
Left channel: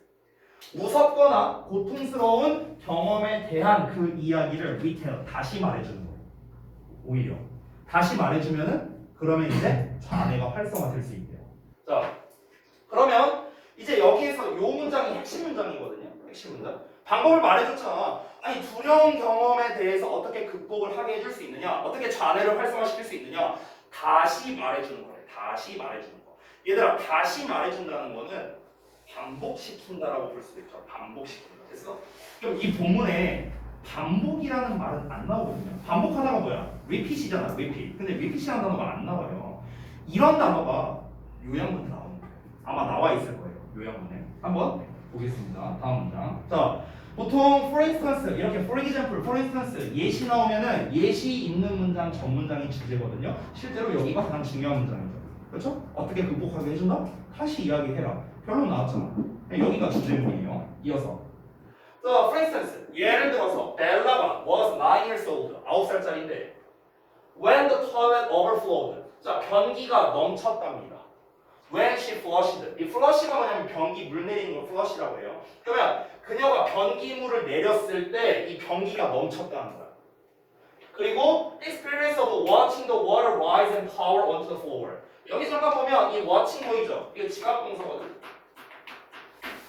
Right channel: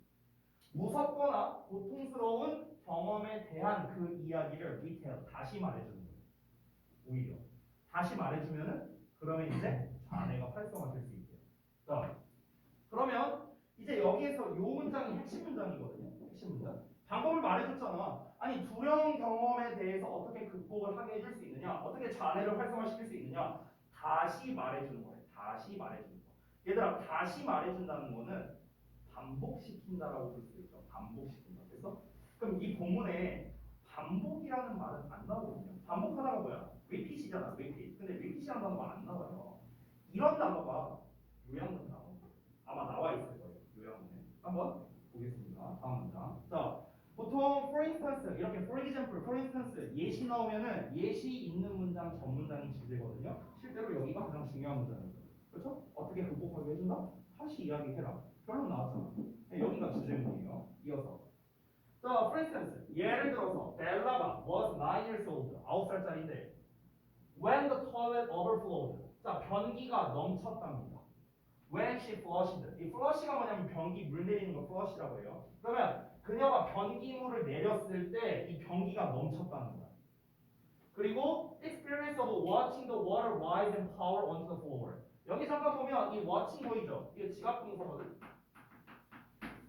무섭거나 고통스러운 경험에 대한 그 이야기를 retell, 다시 말해주는 거예요. 오히려 다시 말해주면은 그러면 이제 자아내가 활성화될 수 있대요. 자, 그러면 이제 여기에서 요 문장이 핵심 문장이거든요. 핵심 문장. 방법을 말해줬잖아. 아니 두려운 경험에 대해서 어떻게 극복을 하게 해줄 수 있느냐, 어떻게 자아내를 활성화시킬 수 있느냐, 다시 말해주는 거래. 다시 말해주는 거. 얘들아, 다시 말해준다는 거는 반복시킨다라고 볼 수도 있죠. 반복시킨다. 됐어? 그럼 이 본문에 반복이라는 말은 안 나오거든요. 반복 하나가 뭐야? repeat이잖아. repeat. 근데 repeat이라는 단어가 안 나와요. 이런 단어가 요양문에 나오는 거예요. 아마 나와 있을 거예요. 요양문에. 한번 보겠습니다. 다음 문장. 자, 보통 for instance 이렇게 for example, for instance 예시 나오면은 예시 있는 문장 전 문장이 주제거든요. 실제로 여기가 가장 중요한 문장이죠. 그렇죠? 어떻게 극복하게 해준다? 다시 이야기해라. 결론 나왔잖아. 여기가 주제문이에요. 이어서. 자, for instance 예를 들어서 벨라가 was 9 years old. 9살짜리인데 when the toilet overflowed. 자, 변기가 넘쳤답니다. When she flushed. 이 flush가 뭐냐면 변기 물 내리는 걸 flush라고 해요. 그러면 그녀가 변기물을 내렸을 때 이 변기가 넘쳤다는 거야. 그리고 experience of watching the water rise and pour onto the floor. 여기 잠깐 보면 이 watching 보이죠? 이거 지각동사거든.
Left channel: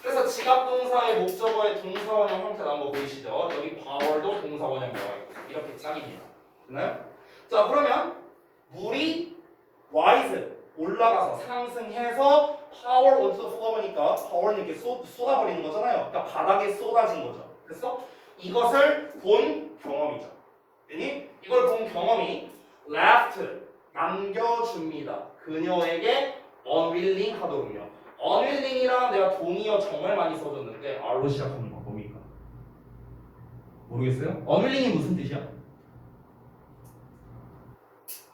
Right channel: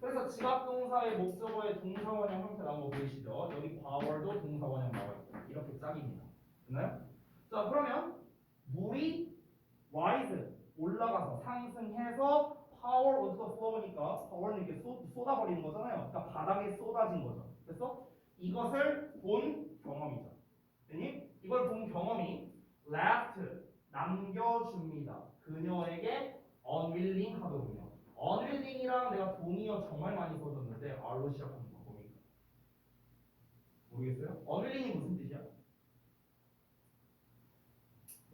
그래서 지각동사의 목적어의 동사원형 형태 나온 거 보이시죠? 여기 power도 동사원형 나와 있고 이렇게 짝입니다. 됐나요? 자, 그러면 물이 rise 올라가서 상승해서 power onto the floor니까 power는 이렇게 쏟아버리는 거잖아요. 그러니까 바닥에 쏟아진 거죠. 그래서 이것을 본 경험이죠. 그니 이걸 본 경험이 left 남겨줍니다. 그녀에게 unwilling 하도록요. unwilling이랑 내가 동의어 정말 많이 써줬는데 R로 시작하는 거 뭡니까? 모르겠어요? unwilling이 무슨 뜻이야?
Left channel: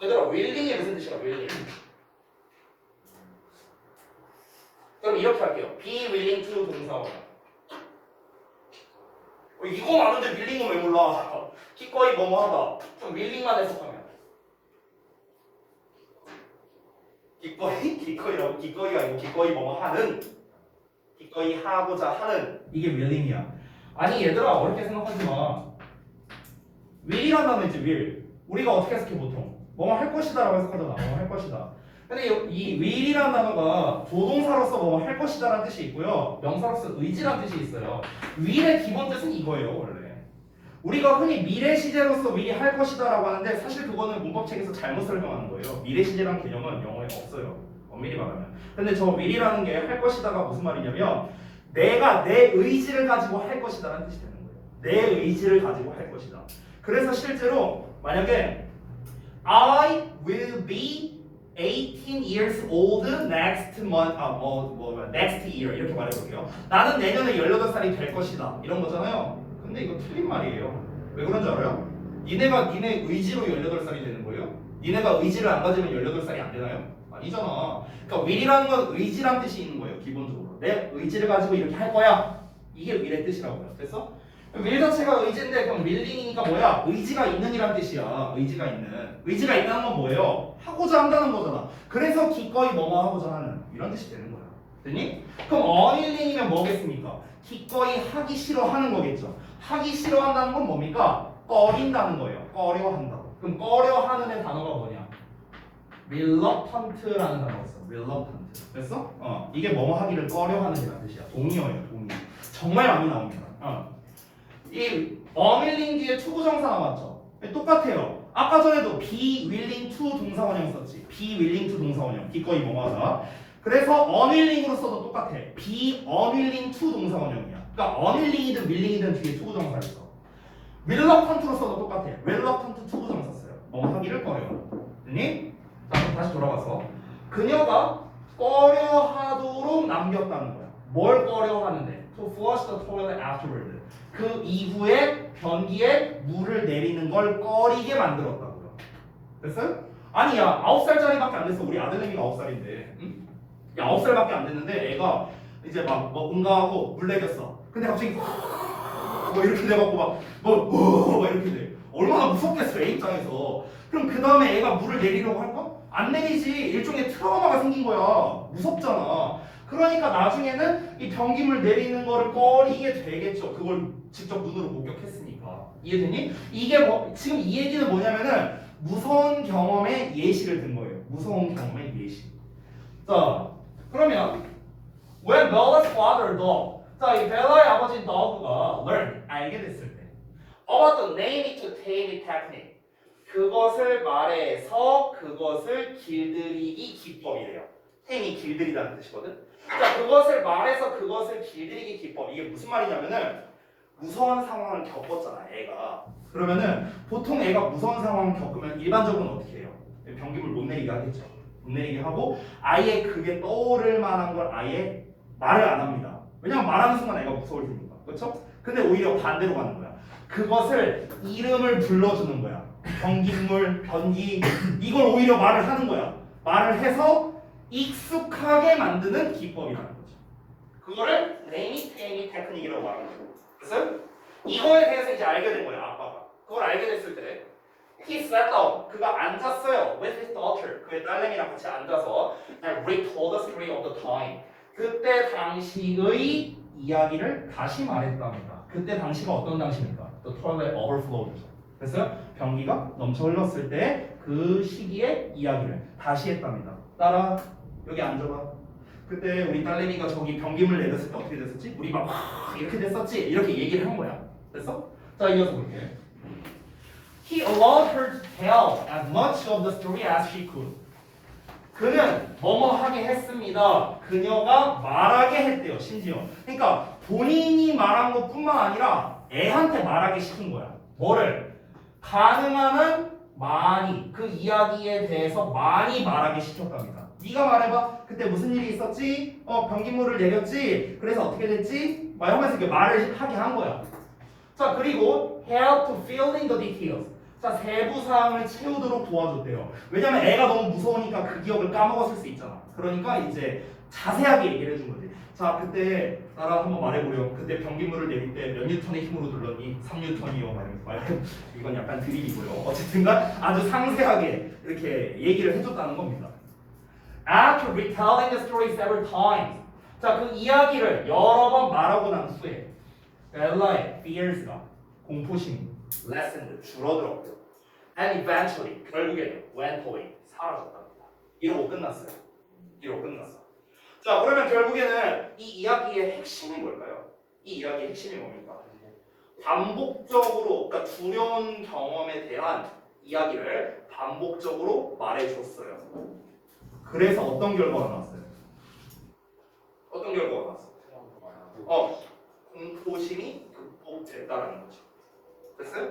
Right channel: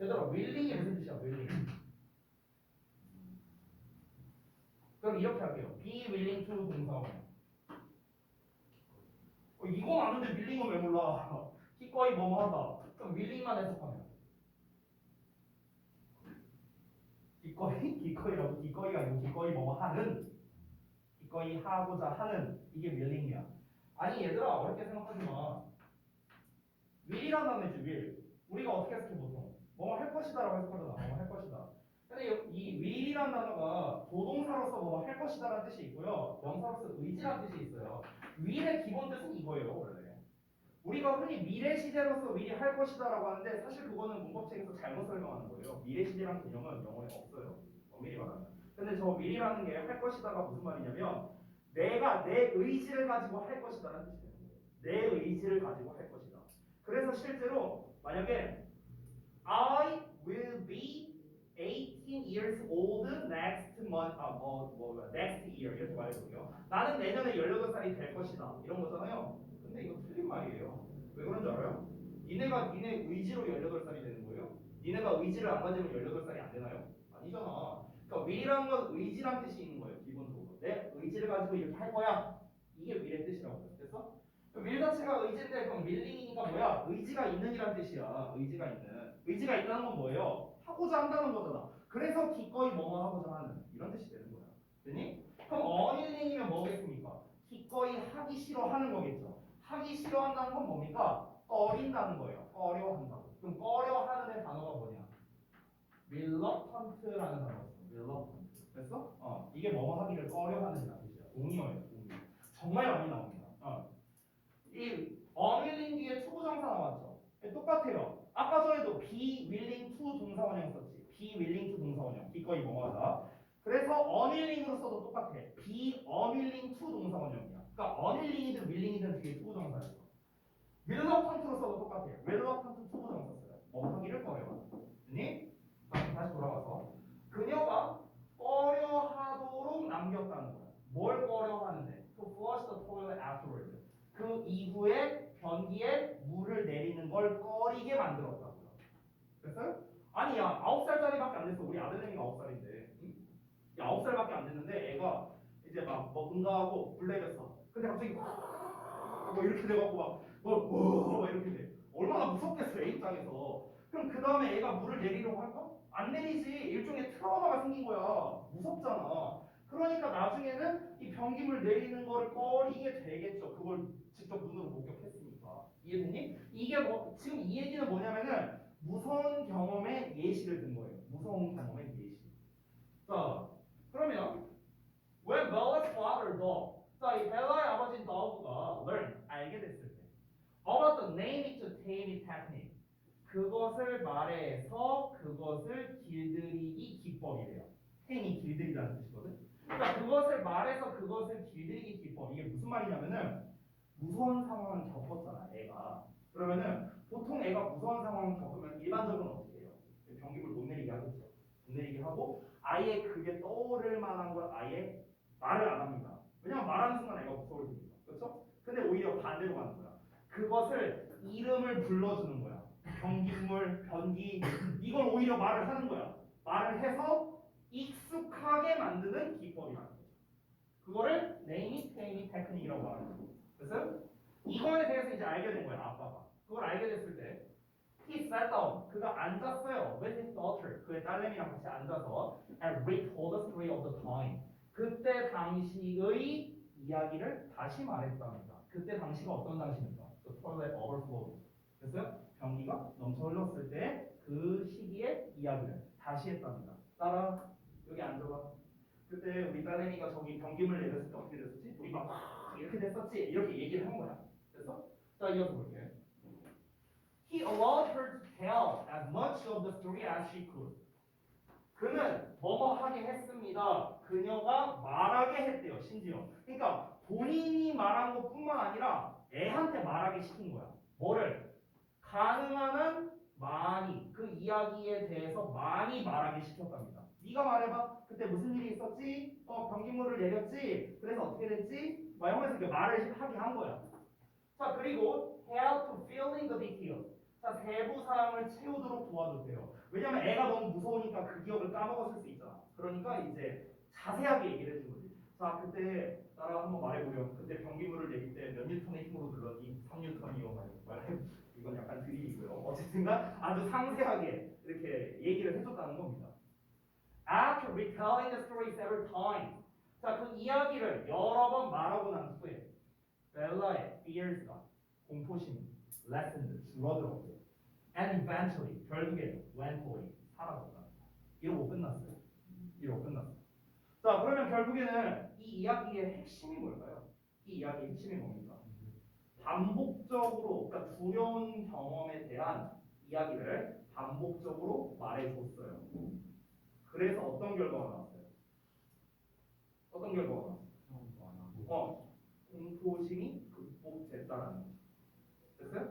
얘들아, willing이 무슨 뜻이야? willing. 그럼 이렇게 할게요. be willing to 동사원형. 이거 많은데 willing은 왜 몰라? 기꺼이 뭐뭐 하다. 그럼 willing만 해석하면 기꺼이가 아니고 기꺼이 뭐뭐 하는, 기꺼이 하고자 하는, 이게 willing이야. 아니 얘들아, 어렵게 생각하지 마. will이란 단어 있지, will. 우리가 어떻게 해석해 보통? 뭐뭐 할 것이다라고 해석하잖아. 뭐뭐 할 것이다. 근데 이 will이라는 단어가 조동사로서 뭐뭐 할 것이다라는 뜻이 있고요, 명사로서 의지라는 뜻이 있어요. will의 기본 뜻은 이거예요, 원래. 우리가 흔히 미래 시제로서 will이 할 것이다라고 하는데 사실 그거는 문법책에서 잘못 설명하는 거예요. 미래 시제라는 개념은 영어에 없어요. 엄밀히 말하면. 근데 저 will이라는 게 할 것이다가 무슨 말이냐면 내가 내 의지를 가지고 할 것이다라는 뜻이 되는 거예요. 내 의지를 가지고 할 것이다. 그래서 실제로 만약에 I will be 18 years old next month, next year 이렇게 말해볼게요. 나는 내년에 18살이 될 것이다. 이런 거잖아요. 근데 이거 틀린 말이에요. 왜 그런지 알아요? 니네 의지로 18살이 되는 거예요? 니네가 의지를 안 가지면 18살이 안 되나요? 아니잖아. 그러니까 will이라는 건 의지란 뜻이 있는 거예요. 기본적으로. 내 의지를 가지고 이렇게 할 거야. 이게 will의 뜻이라고요. 됐어? will 자체가 의지인데 그럼 willing이니까 뭐야? 의지가 있는 이란 뜻이야. 의지가 있는. 의지가 있다는 건 뭐예요? 하고자 한다는 거잖아. 그래서 기꺼이 뭐뭐 하고자 하는 이런 뜻이 되는 거야. 됐니? 그럼 unwilling이면 뭐겠습니까? 기꺼이 하기 싫어하는 거겠죠. 하기 싫어한다는 건 뭡니까? 꺼린다는 거예요. 꺼려한다고. 그럼 꺼려하는의 단어가 뭐냐? reluctant라는 단어가 있어. reluctant. 됐어? 이게 뭐뭐 하기를 꺼려하는이라는 뜻이야. 동의어예요. 동의. 정말 많이 나옵니다. 이 unwilling 뒤에 투부정사 나왔죠. 똑같아요. 아까 전에도 be willing to 동사원형 썼지. be willing to 동사원형. 기꺼이 뭐뭐 하다. 그래서 unwilling으로 써도 똑같아. be unwilling to 동사원형이야. 그러니까 unwilling이든 willing이든 뒤에 투부정사 있어. reluctant로 써도 똑같아. reluctant 투부정사 써요. 뭐 하기를 꺼려. 됐니? 자, 다시 돌아가서 그녀가 꺼려하도록 남겼다는 거야. 뭘 꺼려 하는데? To flush the toilet afterward. 그 이후에 변기에 물을 내리는 걸 꺼리게 만들었다고요. 됐어요? 아니 야 9살짜리밖에 안 됐어. 우리 아들내미가 9살인데 응? 야 9살밖에 안 됐는데 애가 이제 막 응가하고 물 내렸어. 근데 갑자기 뭐 이렇게 돼갖고 막 이렇게 돼. 얼마나 무섭겠어 애 입장에서. 그럼 그 다음에 애가 물을 내리려고 할까? 안 내리지. 일종의 트라우마가 생긴 거야. 무섭잖아. 그러니까 나중에는 이 변기물 내리는 거를 꺼리게 되겠죠. 그걸 직접 눈으로 목격했으니까. 이해되니? 이게 뭐 지금 이 얘기는 뭐냐면은 무서운 경험의 예시를 든 거예요. 무서운 경험의 예시. 자, 그러면 when Bella's father dog, 자, 이 벨라의 아버지 dog가 learn, 알게 됐을 때 about the name it to tame it technique, 그것을 말해서 그것을 길들이기 기법이래요. 템이 길들이다는 뜻이거든. 자, 그것을 말해서 그것을 길들이기 기법. 이게 무슨 말이냐면은 무서운 상황을 겪었잖아, 애가. 그러면은 보통 애가 무서운 상황을 겪으면 일반적으로는 어떻게 해요? 변기물 못 내리게 하겠죠. 못 내리게 하고 아예 그게 떠오를 만한 걸 아예 말을 안 합니다. 왜냐면 말하는 순간 애가 무서울 테니까. 그렇죠? 근데 오히려 반대로 가는 거야. 그것을 이름을 불러주는 거야. 변기물, 변기 이걸 오히려 말을 하는 거야. 말을 해서 익숙하게 만드는 기법이라는 거죠. 그거를 네이미 테이미 테크닉이라고 말하는 거예요. 그래서 이거에 대해서 이제 알게 된 거야, 아빠가. 그걸 알게 됐을 때 he sat down, 그가 앉았어요 with his daughter, 그의 딸내미랑 같이 앉아서 and retold the story of the time, 그때 당시의 이야기를 다시 말했답니다. 그때 당시가 어떤 당시입니까? The toilet overflowed. 그래서 변기가 넘쳐 흘렀을 때 그 시기의 이야기를 다시 했답니다. 따라 여기 앉아봐. 그때 우리 딸내미가 저기 변기물 내렸을 때 어떻게 됐었지? 우리 막 이렇게 됐었지? 이렇게 얘기를 한 거야. 됐어? 자, 이어서 볼게. He allowed her to tell as much of the story as she could. 그는 뭐뭐 하게 했습니다. 그녀가 말하게 했대요. 심지어. 그러니까 본인이 말한 것뿐만 아니라 애한테 말하게 시킨 거야. 뭐를? 가능한 한 많이 그 이야기에 대해서 많이 말하게 시켰답니다. 네가 말해봐. 그때 무슨 일이 있었지? 변기물을 내렸지? 그래서 어떻게 됐지? 막 이러면서 이렇게 말을 하게 한 거야. 자, 그리고 help to fill in the details. 자, 세부 사항을 채우도록 도와줬대요. 왜냐면 애가 너무 무서우니까 그 기억을 까먹었을 수 있잖아. 그러니까 이제 자세하게 얘기를 해준 거지. 자, 그때 나랑 한번 말해보렴. 그때 변기물을 내릴 때 몇 뉴턴의 힘으로 눌렀니? 3뉴턴이요. 말이면서 이건 약간 드립이고요. 어쨌든간 아주 상세하게 이렇게 얘기를 해줬다는 겁니다. After retelling the story several times, 자, 그 이야기를 여러 번 말하고 난 후에 벨라의 fears가 공포심이 lessened 줄어들었고요. And eventually 결국에는 went away 사라졌답니다. 이러고 끝났어요. 이러고 끝났어. 자, 그러면 결국에는 이 이야기의 핵심이 뭘까요? 이 이야기의 핵심이 뭡니까? 반복적으로, 그러니까 두려운 경험에 대한 이야기를 반복적으로 말해줬어요. 그래서 어떤 결과가 나왔어요? 어떤 결과가 나왔어요? 공포심이 극복됐다라는 거죠. 됐어요?